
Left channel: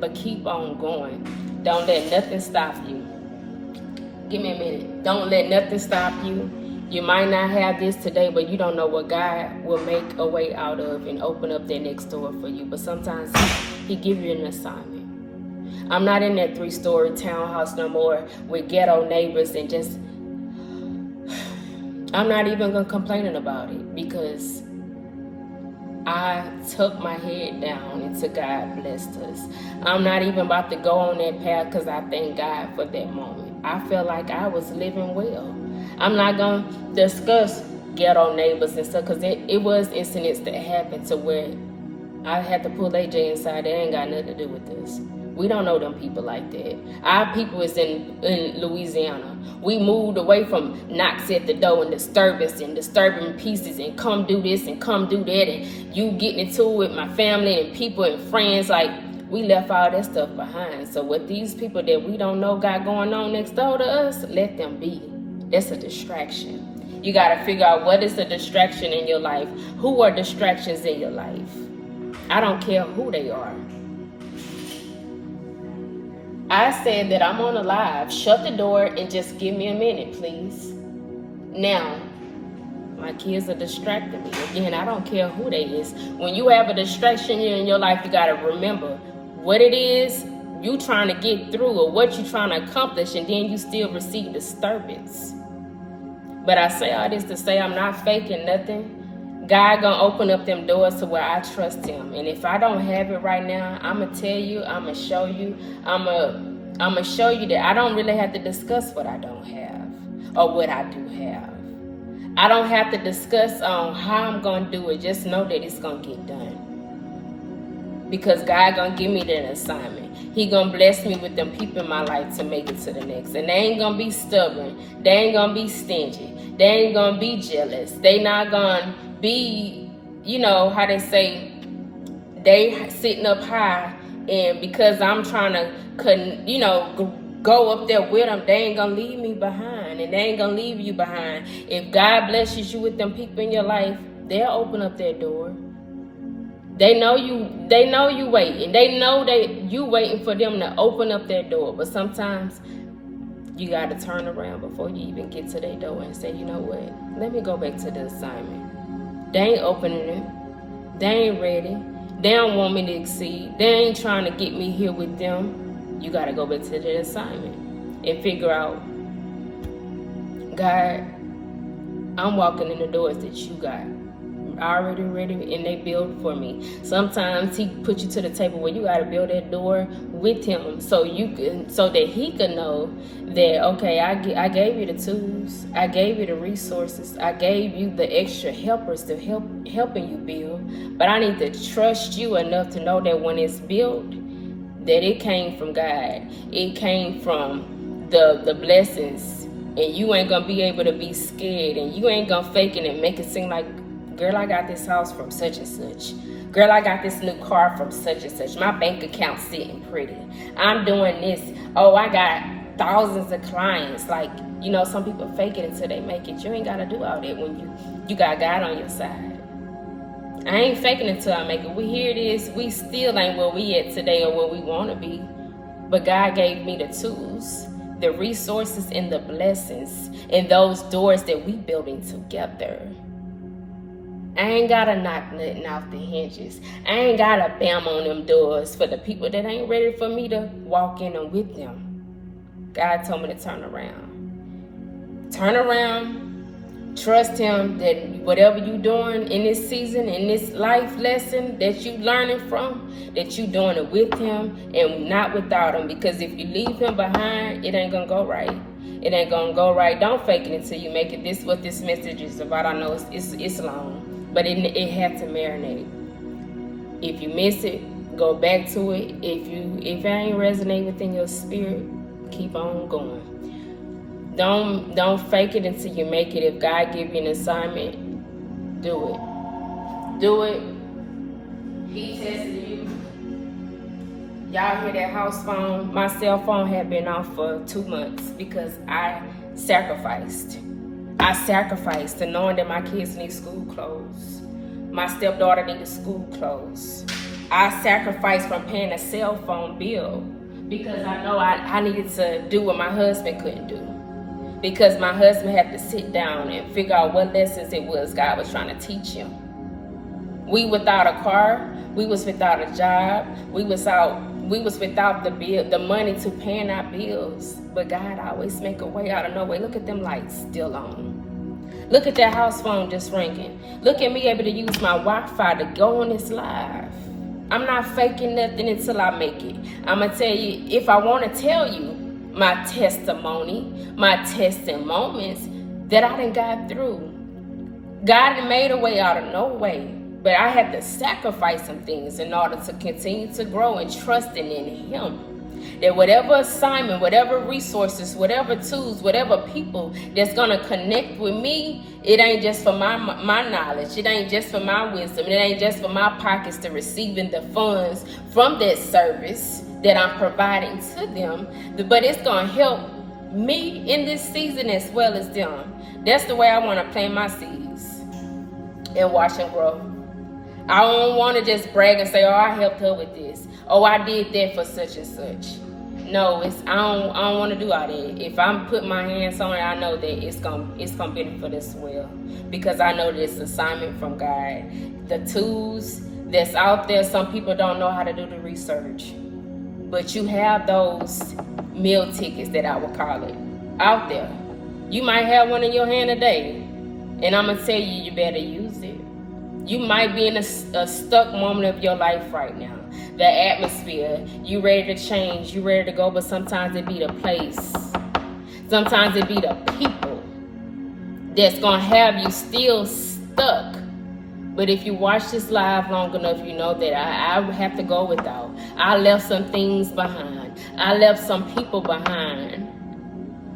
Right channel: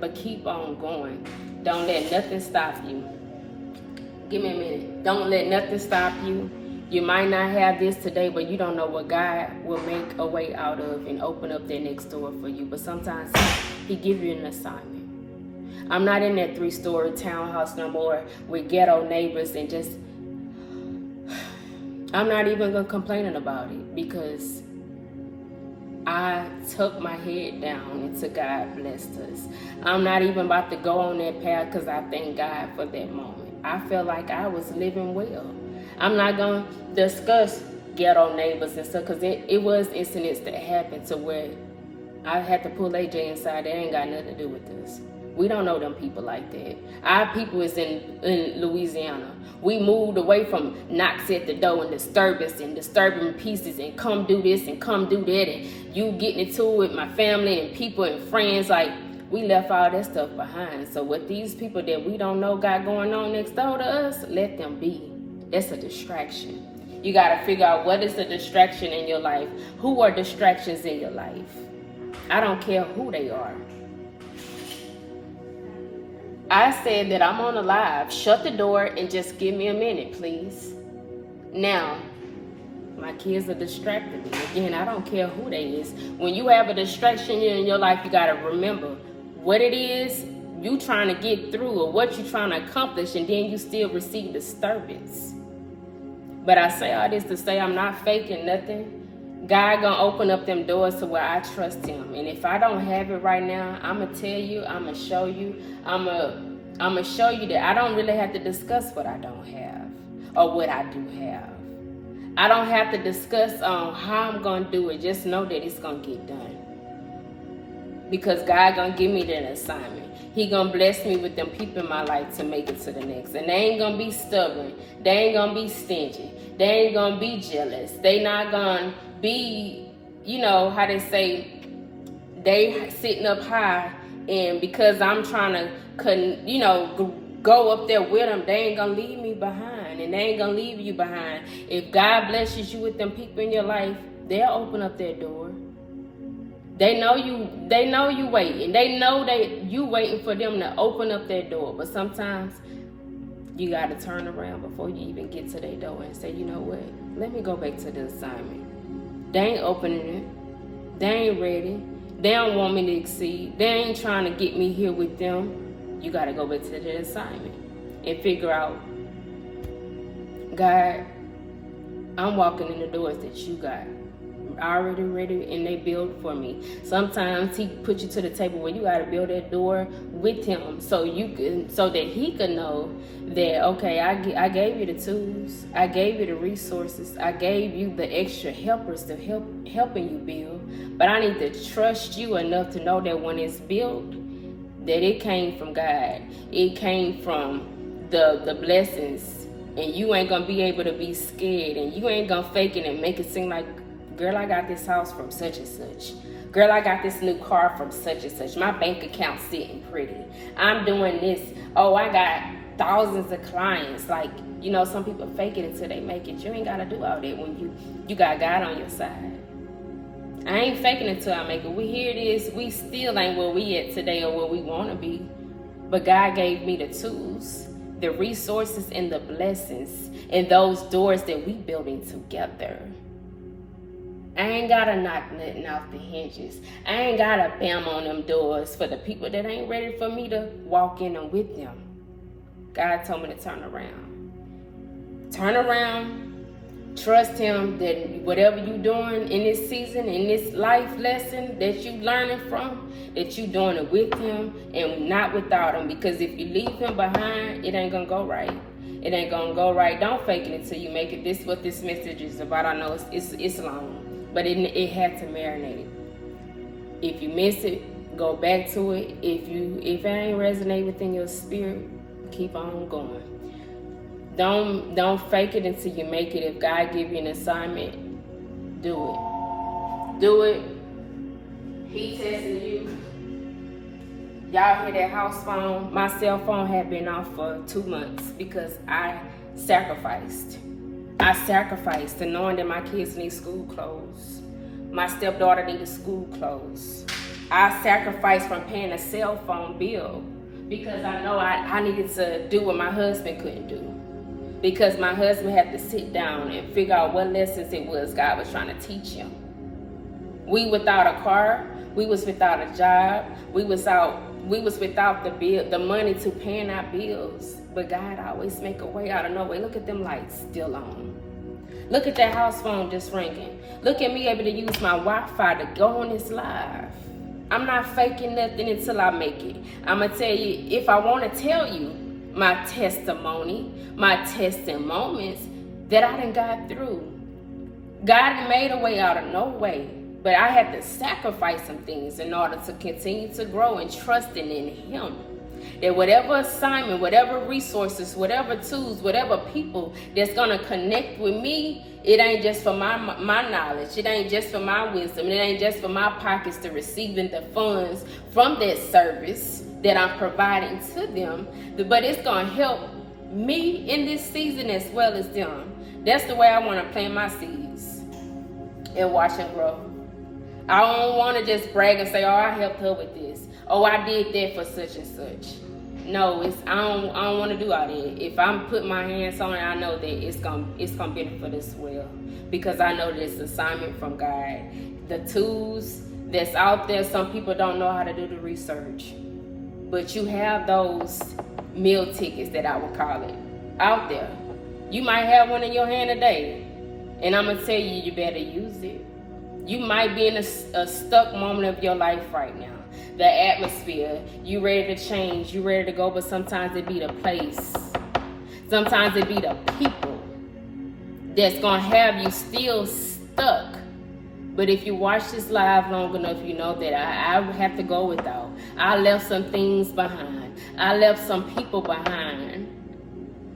but keep on going. Don't let nothing stop you. Give me a minute. Don't let nothing stop you. You might not have this today, but you don't know what God will make a way out of and open up that next door for you. But sometimes he give you an assignment. I'm not in that 3-story townhouse no more with ghetto neighbors and just, I'm not even gonna complain about it because I took my head down until God blessed us. I'm not even about to go on that path because I thank God for that moment. I felt like I was living well. I'm not going to discuss ghetto neighbors and stuff because it was incidents that happened to where I had to pull AJ inside. They ain't got nothing to do with this. We don't know them people like that. Our people is in Louisiana. We moved away from knocks at the door and disturbance and disturbing pieces and come do this and come do that and you getting into it with my family and people and friends. Like, we left all that stuff behind. So with these people that we don't know got going on next door to us, let them be. That's a distraction. You got to figure out what is a distraction in your life. Who are distractions in your life? I don't care who they are. I said that I'm on a live. Shut the door and just give me a minute, please. Now, my kids are distracting me. Again, I don't care who they is. When you have a distraction in your life, you got to remember what it is you trying to get through or what you trying to accomplish, and then you still receive disturbance. But I say all this to say I'm not faking nothing. God gonna open up them doors to where I trust him. And if I don't have it right now, I'm gonna tell you, I'm gonna show you, I'm gonna show you that I don't really have to discuss what I don't have or what I do have. I don't have to discuss on how I'm gonna do it. Just know that it's gonna get done. because God gonna give me that assignment. He gonna bless me with them people in my life to make it to the next. And they ain't gonna be stubborn. They ain't gonna be stingy. They ain't gonna be jealous. They not gonna be, you know, how they say, they sitting up high, and because I'm trying to, you know, go up there with them, they ain't gonna leave me behind, and they ain't gonna leave you behind. If God blesses you with them people in your life, they'll open up their door. They know you waiting. They know you waiting for them to open up their door. But sometimes you got to turn around before you even get to their door and say, you know what? Let me go back to the assignment. They ain't opening it. They ain't ready. They don't want me to exceed. They ain't trying to get me here with them. You got to go back to the assignment and figure out, God, I'm walking in the doors that you got already ready and they build for me. Sometimes he put you to the table where you got to build that door with him, so that he can know that, okay, I gave you the tools, I gave you the resources, I gave you the extra helpers to helping you build, but I need to trust you enough to know that when it's built, that it came from God. It came from the blessings, and you ain't gonna be able to be scared, and you ain't gonna fake it and make it seem like, girl, I got this house from such and such. Girl, I got this new car from such and such. My bank account's sitting pretty. I'm doing this. Oh, I got thousands of clients. Like, you know, some people fake it until they make it. You ain't got to do all that when you got God on your side. I ain't faking it until I make it. Here it is. We still ain't where we at today or where we want to be. But God gave me the tools, the resources, and the blessings, and those doors that we building together. I ain't gotta knock nothing off the hinges. I ain't gotta bam on them doors for the people that ain't ready for me to walk in them with them. God told me to turn around. Turn around. Trust him that whatever you doing in this season, in this life lesson that you learning from, that you doing it with him and not without him. Because if you leave him behind, it ain't gonna go right. It ain't gonna go right. Don't fake it until you make it. This is what this message is about. I know it's long, but it has to marinate. If you miss it, go back to it. If it ain't resonate within your spirit, keep on going. Don't fake it until you make it. If God give you an assignment, do it. Do it. He testing you. Y'all hear that house phone? My cell phone had been off for 2 months because I sacrificed. I sacrificed to knowing that my kids need school clothes. My stepdaughter needed school clothes. I sacrificed from paying a cell phone bill because I know I needed to do what my husband couldn't do. Because my husband had to sit down and figure out what lessons it was God was trying to teach him. We without a car, we was without a job, we was without the money to paying our bills. But God always make a way out of no way. Look at them lights still on. Look at that house phone just ringing. Look at me able to use my Wi-Fi to go on this live. I'm not faking nothing until I make it. I'm going to tell you, if I want to tell you my testimony, my tests and moments that I done got through. God had made a way out of no way. But I had to sacrifice some things in order to continue to grow and trusting in him. That whatever assignment, whatever resources, whatever tools, whatever people that's going to connect with me, it ain't just for my knowledge. It ain't just for my wisdom. It ain't just for my pockets to receiving the funds from that service that I'm providing to them. But it's going to help me in this season as well as them. That's the way I want to plant my seeds and watch them grow. I don't want to just brag and say, oh, I helped her with this. Oh, I did that for such and such. No, I don't want to do all that. If I'm putting my hands on it, I know that it's gonna benefit us well. Because I know this assignment from God. The tools that's out there, some people don't know how to do the research. But you have those meal tickets that I would call it out there. You might have one in your hand today. And I'm going to tell you, you better use it. You might be in a stuck moment of your life right now. The atmosphere, you ready to change, you ready to go, but sometimes it be the place. Sometimes it be the people that's going to have you still stuck But if you watch this live long enough, you know that I have to go without. I left some things behind. I left some people behind.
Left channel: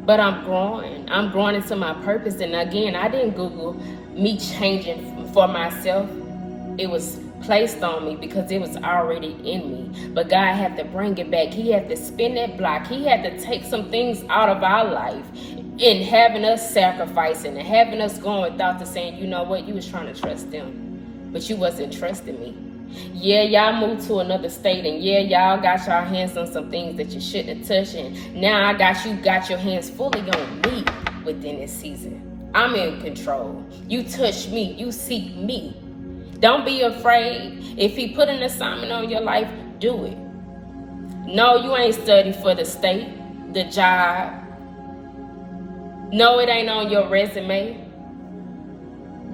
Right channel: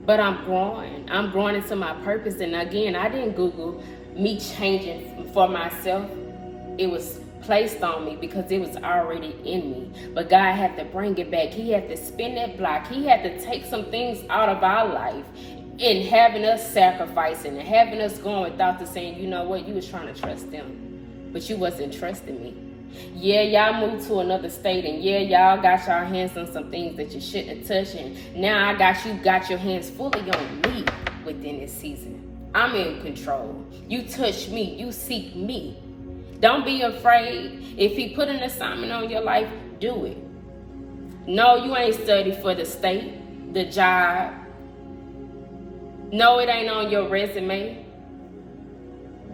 But I'm growing. I'm growing into my purpose. And again, I didn't Google me changing for myself. It was placed on me because it was already in me. But God had to bring it back. He had to spin that block. He had to take some things out of our life in having us sacrificing and having us going without the saying, you know what, you was trying to trust them, but you wasn't trusting me. Yeah, y'all moved to another state, and yeah, y'all got your hands on some things that you shouldn't have touched, and now I got your hands fully on me within this season. I'm in control. You touch me, you seek me. Don't be afraid. If he put an assignment on your life, do it. No, you ain't studied for the state, the job. No, it ain't on your resume.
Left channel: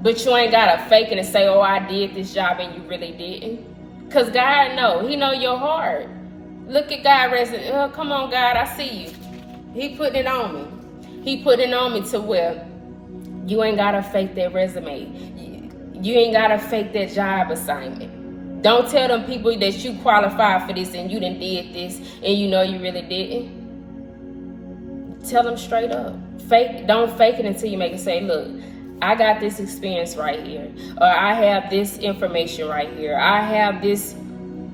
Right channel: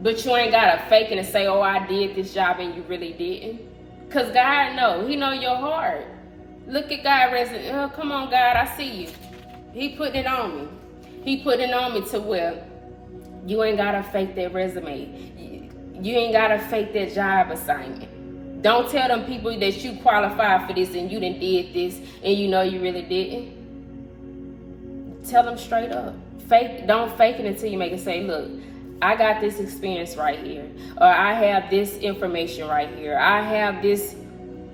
But you ain't got to fake it and say, oh, I did this job and you really didn't. Because God know. He know your heart. Look at God resume. Oh, come on, God, I see you. He put it on me. He put it on me to where you ain't got to fake that resume. You ain't got to fake that job assignment. Don't tell them people that you qualified for this and you done did this and you know you really didn't. Tell them straight up. Don't fake it until you make it say, look, I got this experience right here. Or I have this information right here. I have this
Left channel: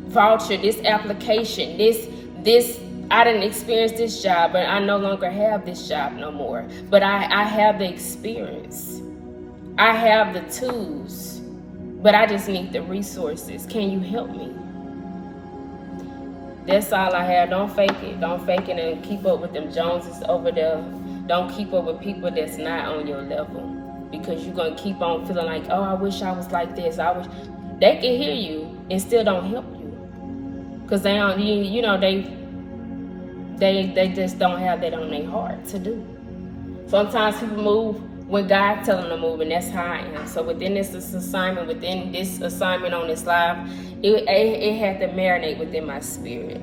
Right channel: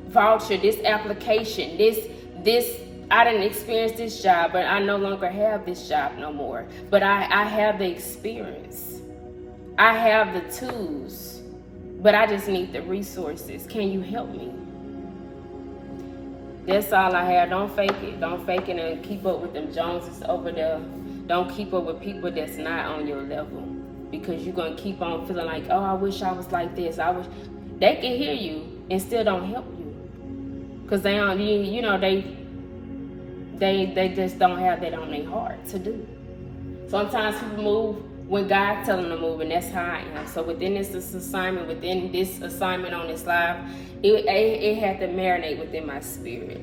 voucher, this application, this I didn't experience this job, but I no longer have this job no more. But I have the experience. I have the tools, but I just need the resources. Can you help me? That's all I have. Don't fake it. Don't fake it and keep up with them Joneses over there. Don't keep up with people that's not on your level, because you're going to keep on feeling like, oh, I wish I was like this. They can hear you and still don't help you, because they don't, you know, they just don't have that on their heart to do. Sometimes people move when God tells them to move, and that's how I am. So within this assignment on this live, it had to marinate within my spirit.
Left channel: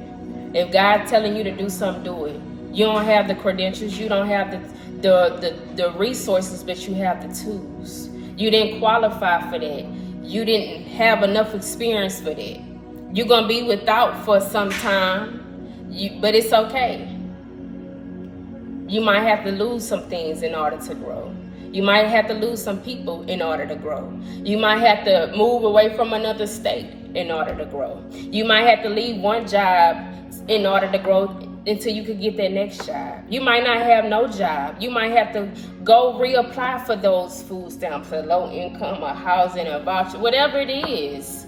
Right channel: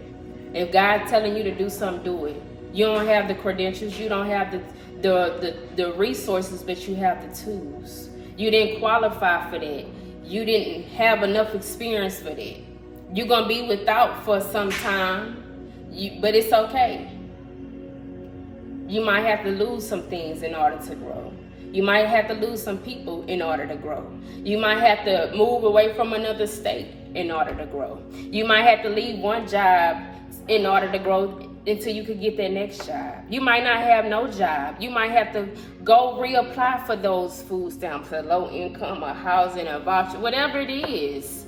If God telling you to do something, do it. You don't have the credentials, you don't have the resources, but you have the tools. You didn't qualify for that. You didn't have enough experience for that. You're gonna be without for some time, but it's okay. You might have to lose some things in order to grow. You might have to lose some people in order to grow. You might have to move away from another state in order to grow. You might have to leave one job in order to grow until you could get that next job. You might not have no job. You might have to go reapply for those food stamps, for low income or housing or voucher, whatever it is.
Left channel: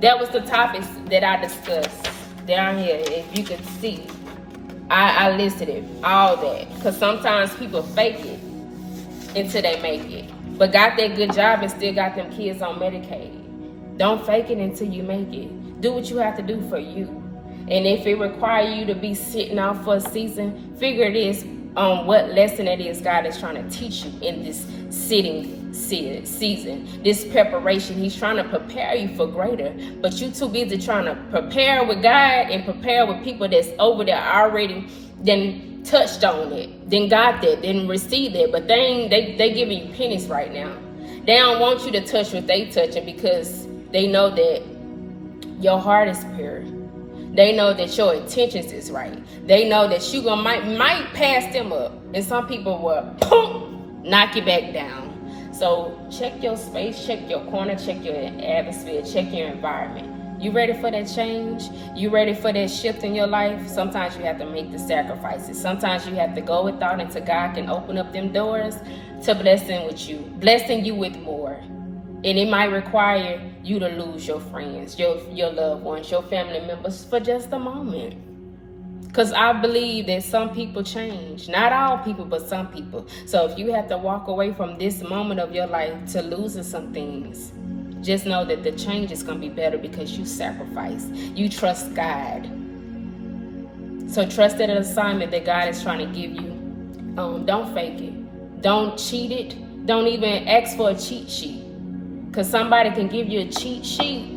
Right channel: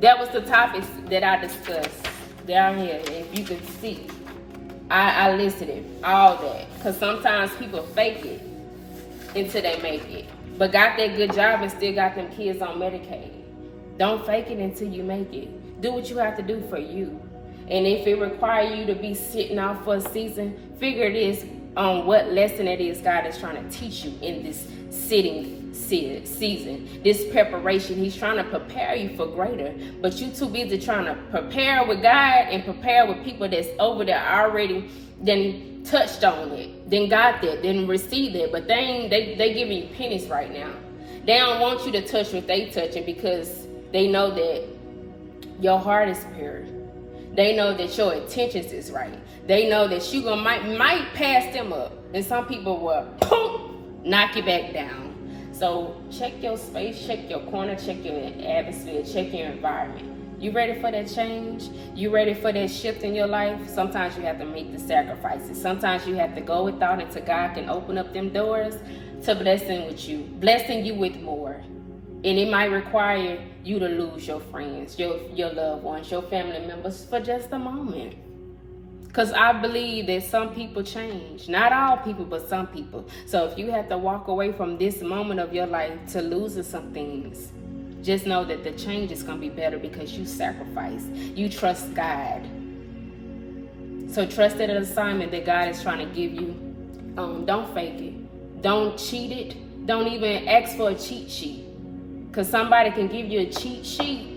That was the topics that I discussed down here. If you could see, I listed it, all that. Because sometimes people fake it until they make it, but got that good job and still got them kids on Medicaid. Don't fake it until you make it. Do what you have to do for you. And if it requires you to be sitting out for a season, figure this on what lesson it is God is trying to teach you in this sitting season, this preparation. He's trying to prepare you for greater, but you too busy trying to prepare with God and prepare with people that's over there already then touched on it, then got that, then received it, but they giving you pennies right now. They don't want you to touch what they touching because they know that your heart is pure. They know that your intentions is right. They know that you might pass them up, and some people will boom, knock you back down. So check your space, check your corner, check your atmosphere, check your environment. You ready for that change? You ready for that shift in your life? Sometimes you have to make the sacrifices. Sometimes you have to go without until God can open up them doors to blessing you with more. And it might require you to lose your friends, your loved ones, your family members for just a moment. Because I believe that some people change. Not all people, but some people. So if you have to walk away from this moment of your life to losing some things, just know that the change is going to be better because you sacrifice. You trust God. So trust that assignment that God is trying to give you. Don't fake it. Don't cheat it. Don't even ask for a cheat sheet. Because somebody can give you a cheat sheet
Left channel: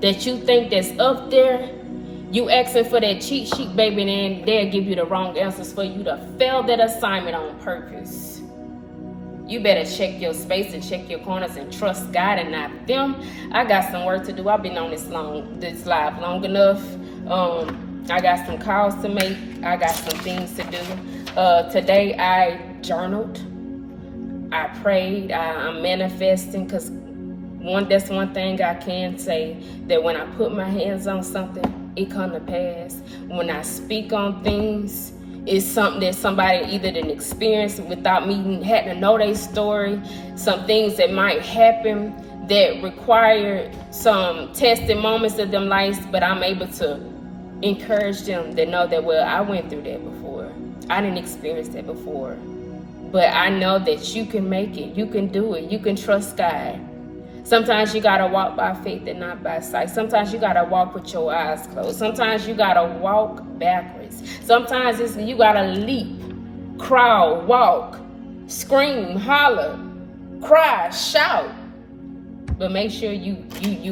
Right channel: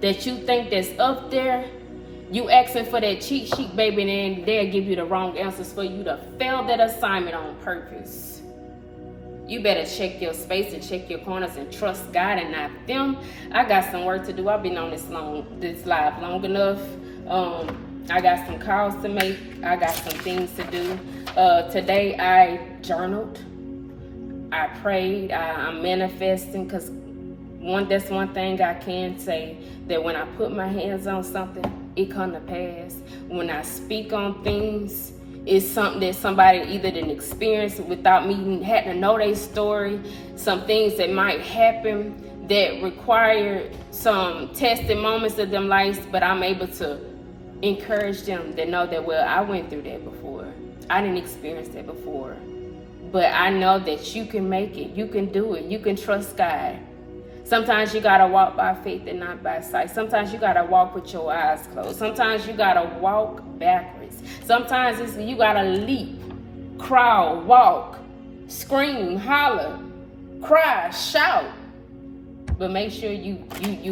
that you think that's up there. You asking for that cheat sheet, baby, and they'll give you the wrong answers for you to fail that assignment on purpose. You better check your space and check your corners and trust God and not them. I got some work to do. I've been on this live long enough. I got some calls to make. I got some things to do. Today I journaled. I prayed. I'm manifesting, because that's one thing I can say, that when I put my hands on something, it come to pass. When I speak on things, it's something that somebody either didn't experience without me having to know their story. Some things that might happen that require some testing moments of them lives, but I'm able to encourage them to know that, well, I went through that before. I didn't experience that before. But I know that you can make it. You can do it. You can trust God. Sometimes you gotta walk by faith and not by sight. Sometimes you gotta walk with your eyes closed. Sometimes you gotta walk backwards. Sometimes you gotta leap, crawl, walk, scream, holler, cry, shout. But make sure you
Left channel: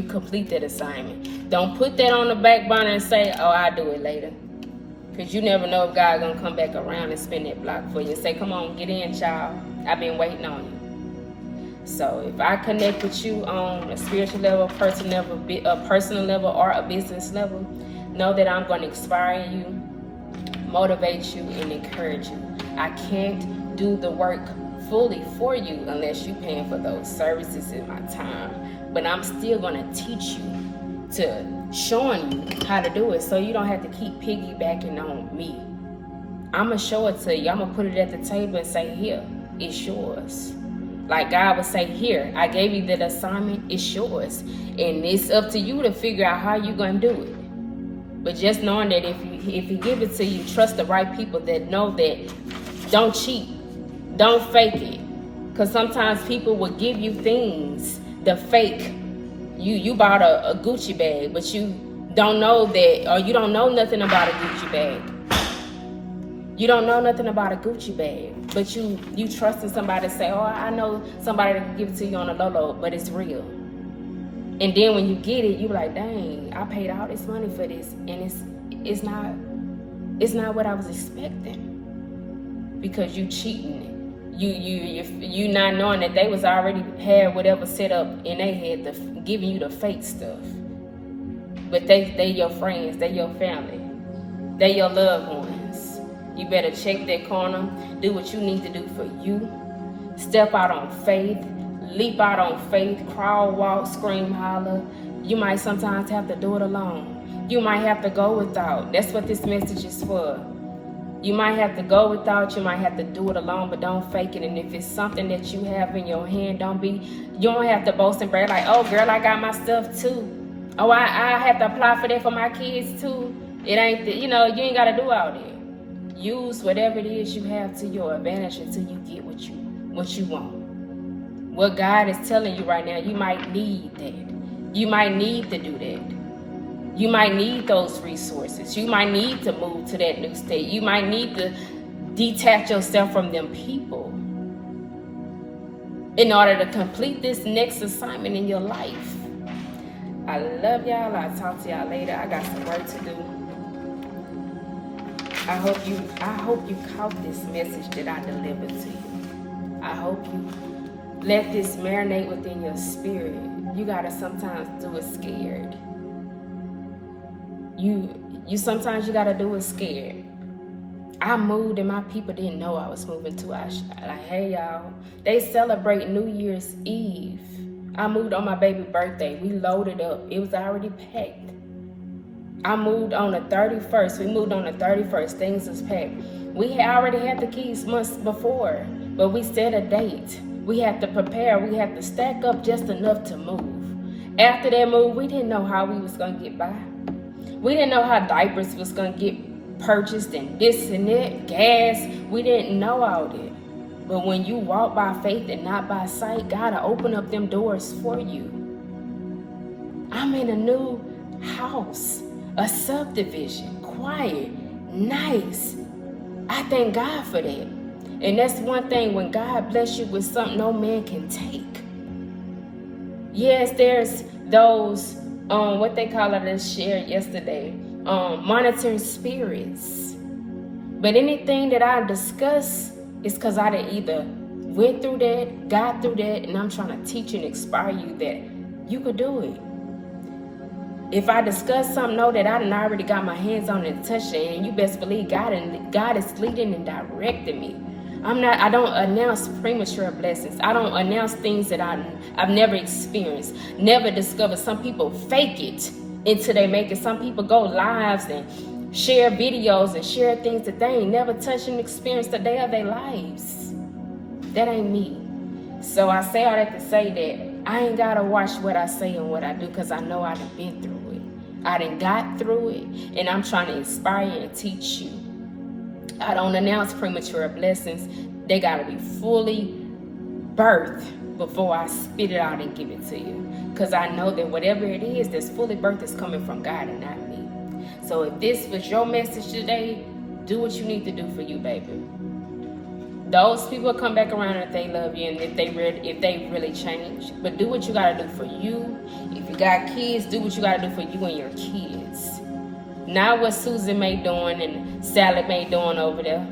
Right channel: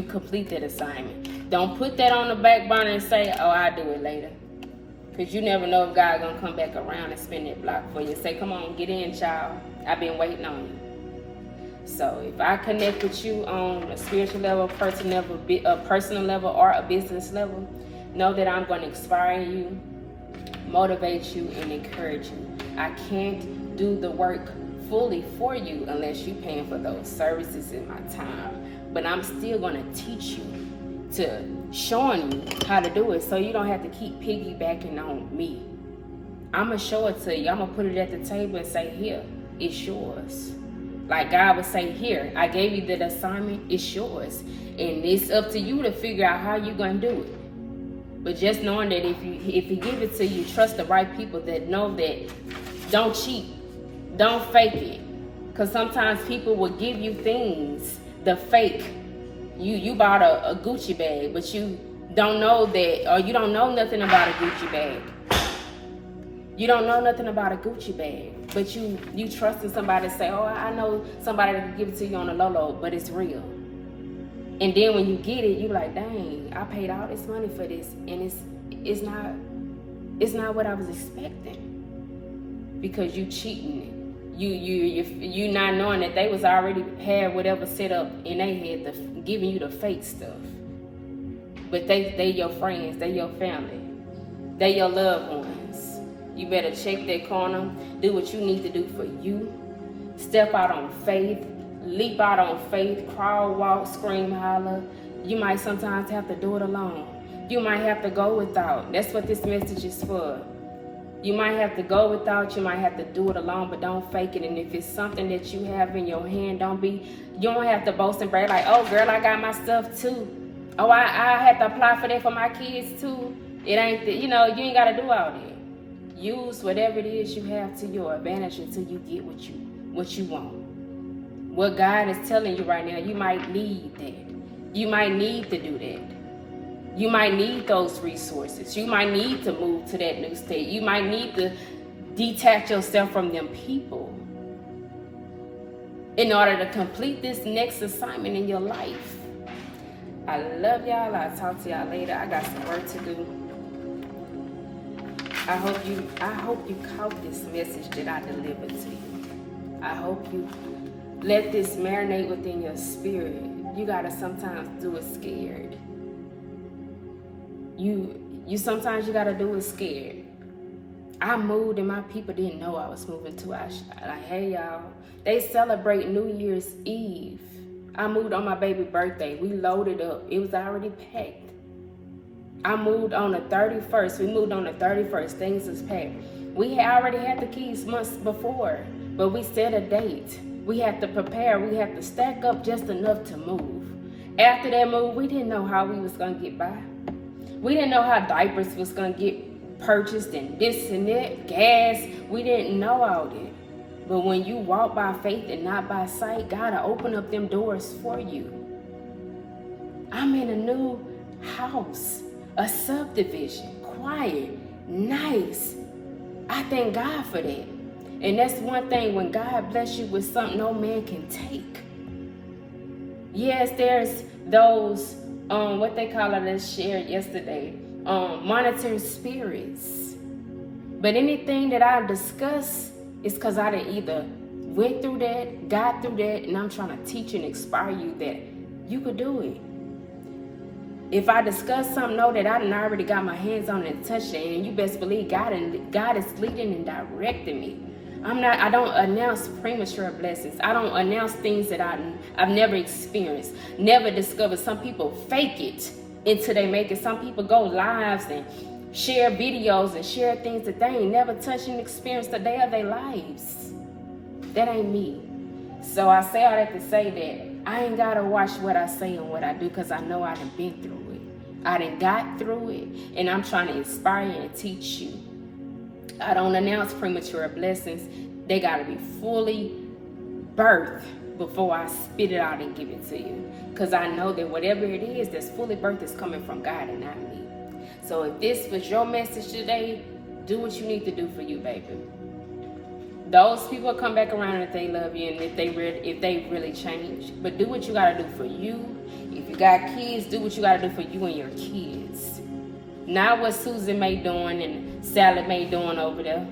complete that assignment. Don't put that on the back burner and say, oh, I'll do it later. Because you never know if God's gonna come back around and spin that block for you and say, come on, get in, child. I've been waiting on you. So if I connect with you on a spiritual level, a personal level, or a business level, know that I'm going to inspire you, motivate you, and encourage you. I can't do the work fully for you unless you're paying for those services in my time. But I'm still going to teach you, showing you how to do it, so you don't have to keep piggybacking on me. I'm going to show it to you. I'm going to put it at the table and say, here, it's yours. Like God would say, here, I gave you that assignment, it's yours. And it's up to you to figure out how you're going to do it. But just knowing that if he give it to you, trust the right people that know that. Don't cheat. Don't fake it. Because sometimes people will give you things, the fake. You bought a Gucci bag, but you don't know that, or you don't know nothing about a Gucci bag. You don't know nothing about a Gucci bag, but you trusted somebody to say, oh, I know somebody that can give it to you on a low, but it's real. And then when you get it, you're like, dang, I paid all this money for this, and it's not what I was expecting, because you cheating it. You not knowing that they was already had whatever set up in their head, giving you the fake stuff. But they your friends, they your family, they your loved ones. You better check that corner, do what you need to do for you. Step out on faith, leap out on faith, crawl, walk, scream, holler. You might sometimes have to do it alone. You might have to go without. That's what this message is for. You might have to go without, you might have to do it alone, but don't fake it. And if it's something that you have in your hand, you don't have to boast and brag like, oh girl, I got my stuff too. Oh, I have to apply for that for my kids too. It ain't, you ain't got to do all that. Use whatever it is you have to your advantage until you get what you want. What God is telling you right now, you might need that. You might need to do that. You might need those resources. You might need to move to that new state. You might need to detach yourself from them people in order to complete this next assignment in your life. I love y'all. I'll talk to y'all later. I got some work to do. I hope you caught this message that I delivered to you. I hope you let this marinate within your spirit. You gotta sometimes do it scared. You sometimes you gotta do it scared. I moved and my people didn't know I was moving to like, hey y'all, they celebrate New Year's Eve. I moved on my baby birthday. We loaded up. It was already packed. I moved on the 31st. We moved on the 31st. Things was packed. We already had the keys months before, but we set a date. We had to prepare. We had to stack up just enough to move. After that move, we didn't know how we was going to get by. We didn't know how diapers was going to get purchased and this and that, gas. We didn't know all that. But when you walk by faith and not by sight, God will open up them doors for you. I'm in a new house. A subdivision, quiet, nice. I thank God for that. And that's one thing, when God bless you with something no man can take. Yes, there's those, what they call it, as shared yesterday, monitoring spirits. But anything that I discuss is because I done either went through that, got through that, and I'm trying to teach and inspire you that you could do it. If I discuss something, know that I done already got my hands on it and touched it, and you best believe God is leading and directing me. I don't announce premature blessings. I don't announce things that I've never experienced, never discovered. Some people fake it until they make it. Some people go lives and share videos and share things that they ain't never touched and experienced a day of their lives. That ain't me. So I say all that to say that I ain't gotta watch what I say and what I do, because I know I done been through it. I done got through it, and I'm trying to inspire you and teach you. I don't announce premature blessings. They gotta be fully birthed before I spit it out and give it to you. Because I know that whatever it is that's fully birthed is coming from God and not me. So if this was your message today, do what you need to do for you, baby. Those people come back around if they love you and if they really change. But do what you gotta do for you. If you got kids, do what you gotta do for you and your kids. Not what Susan May doing and Sally May doing over there.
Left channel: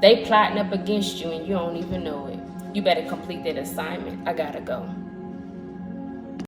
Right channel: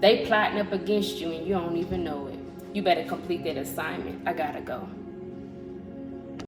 They plotting up against you and you don't even know it. You better complete that assignment. I gotta go.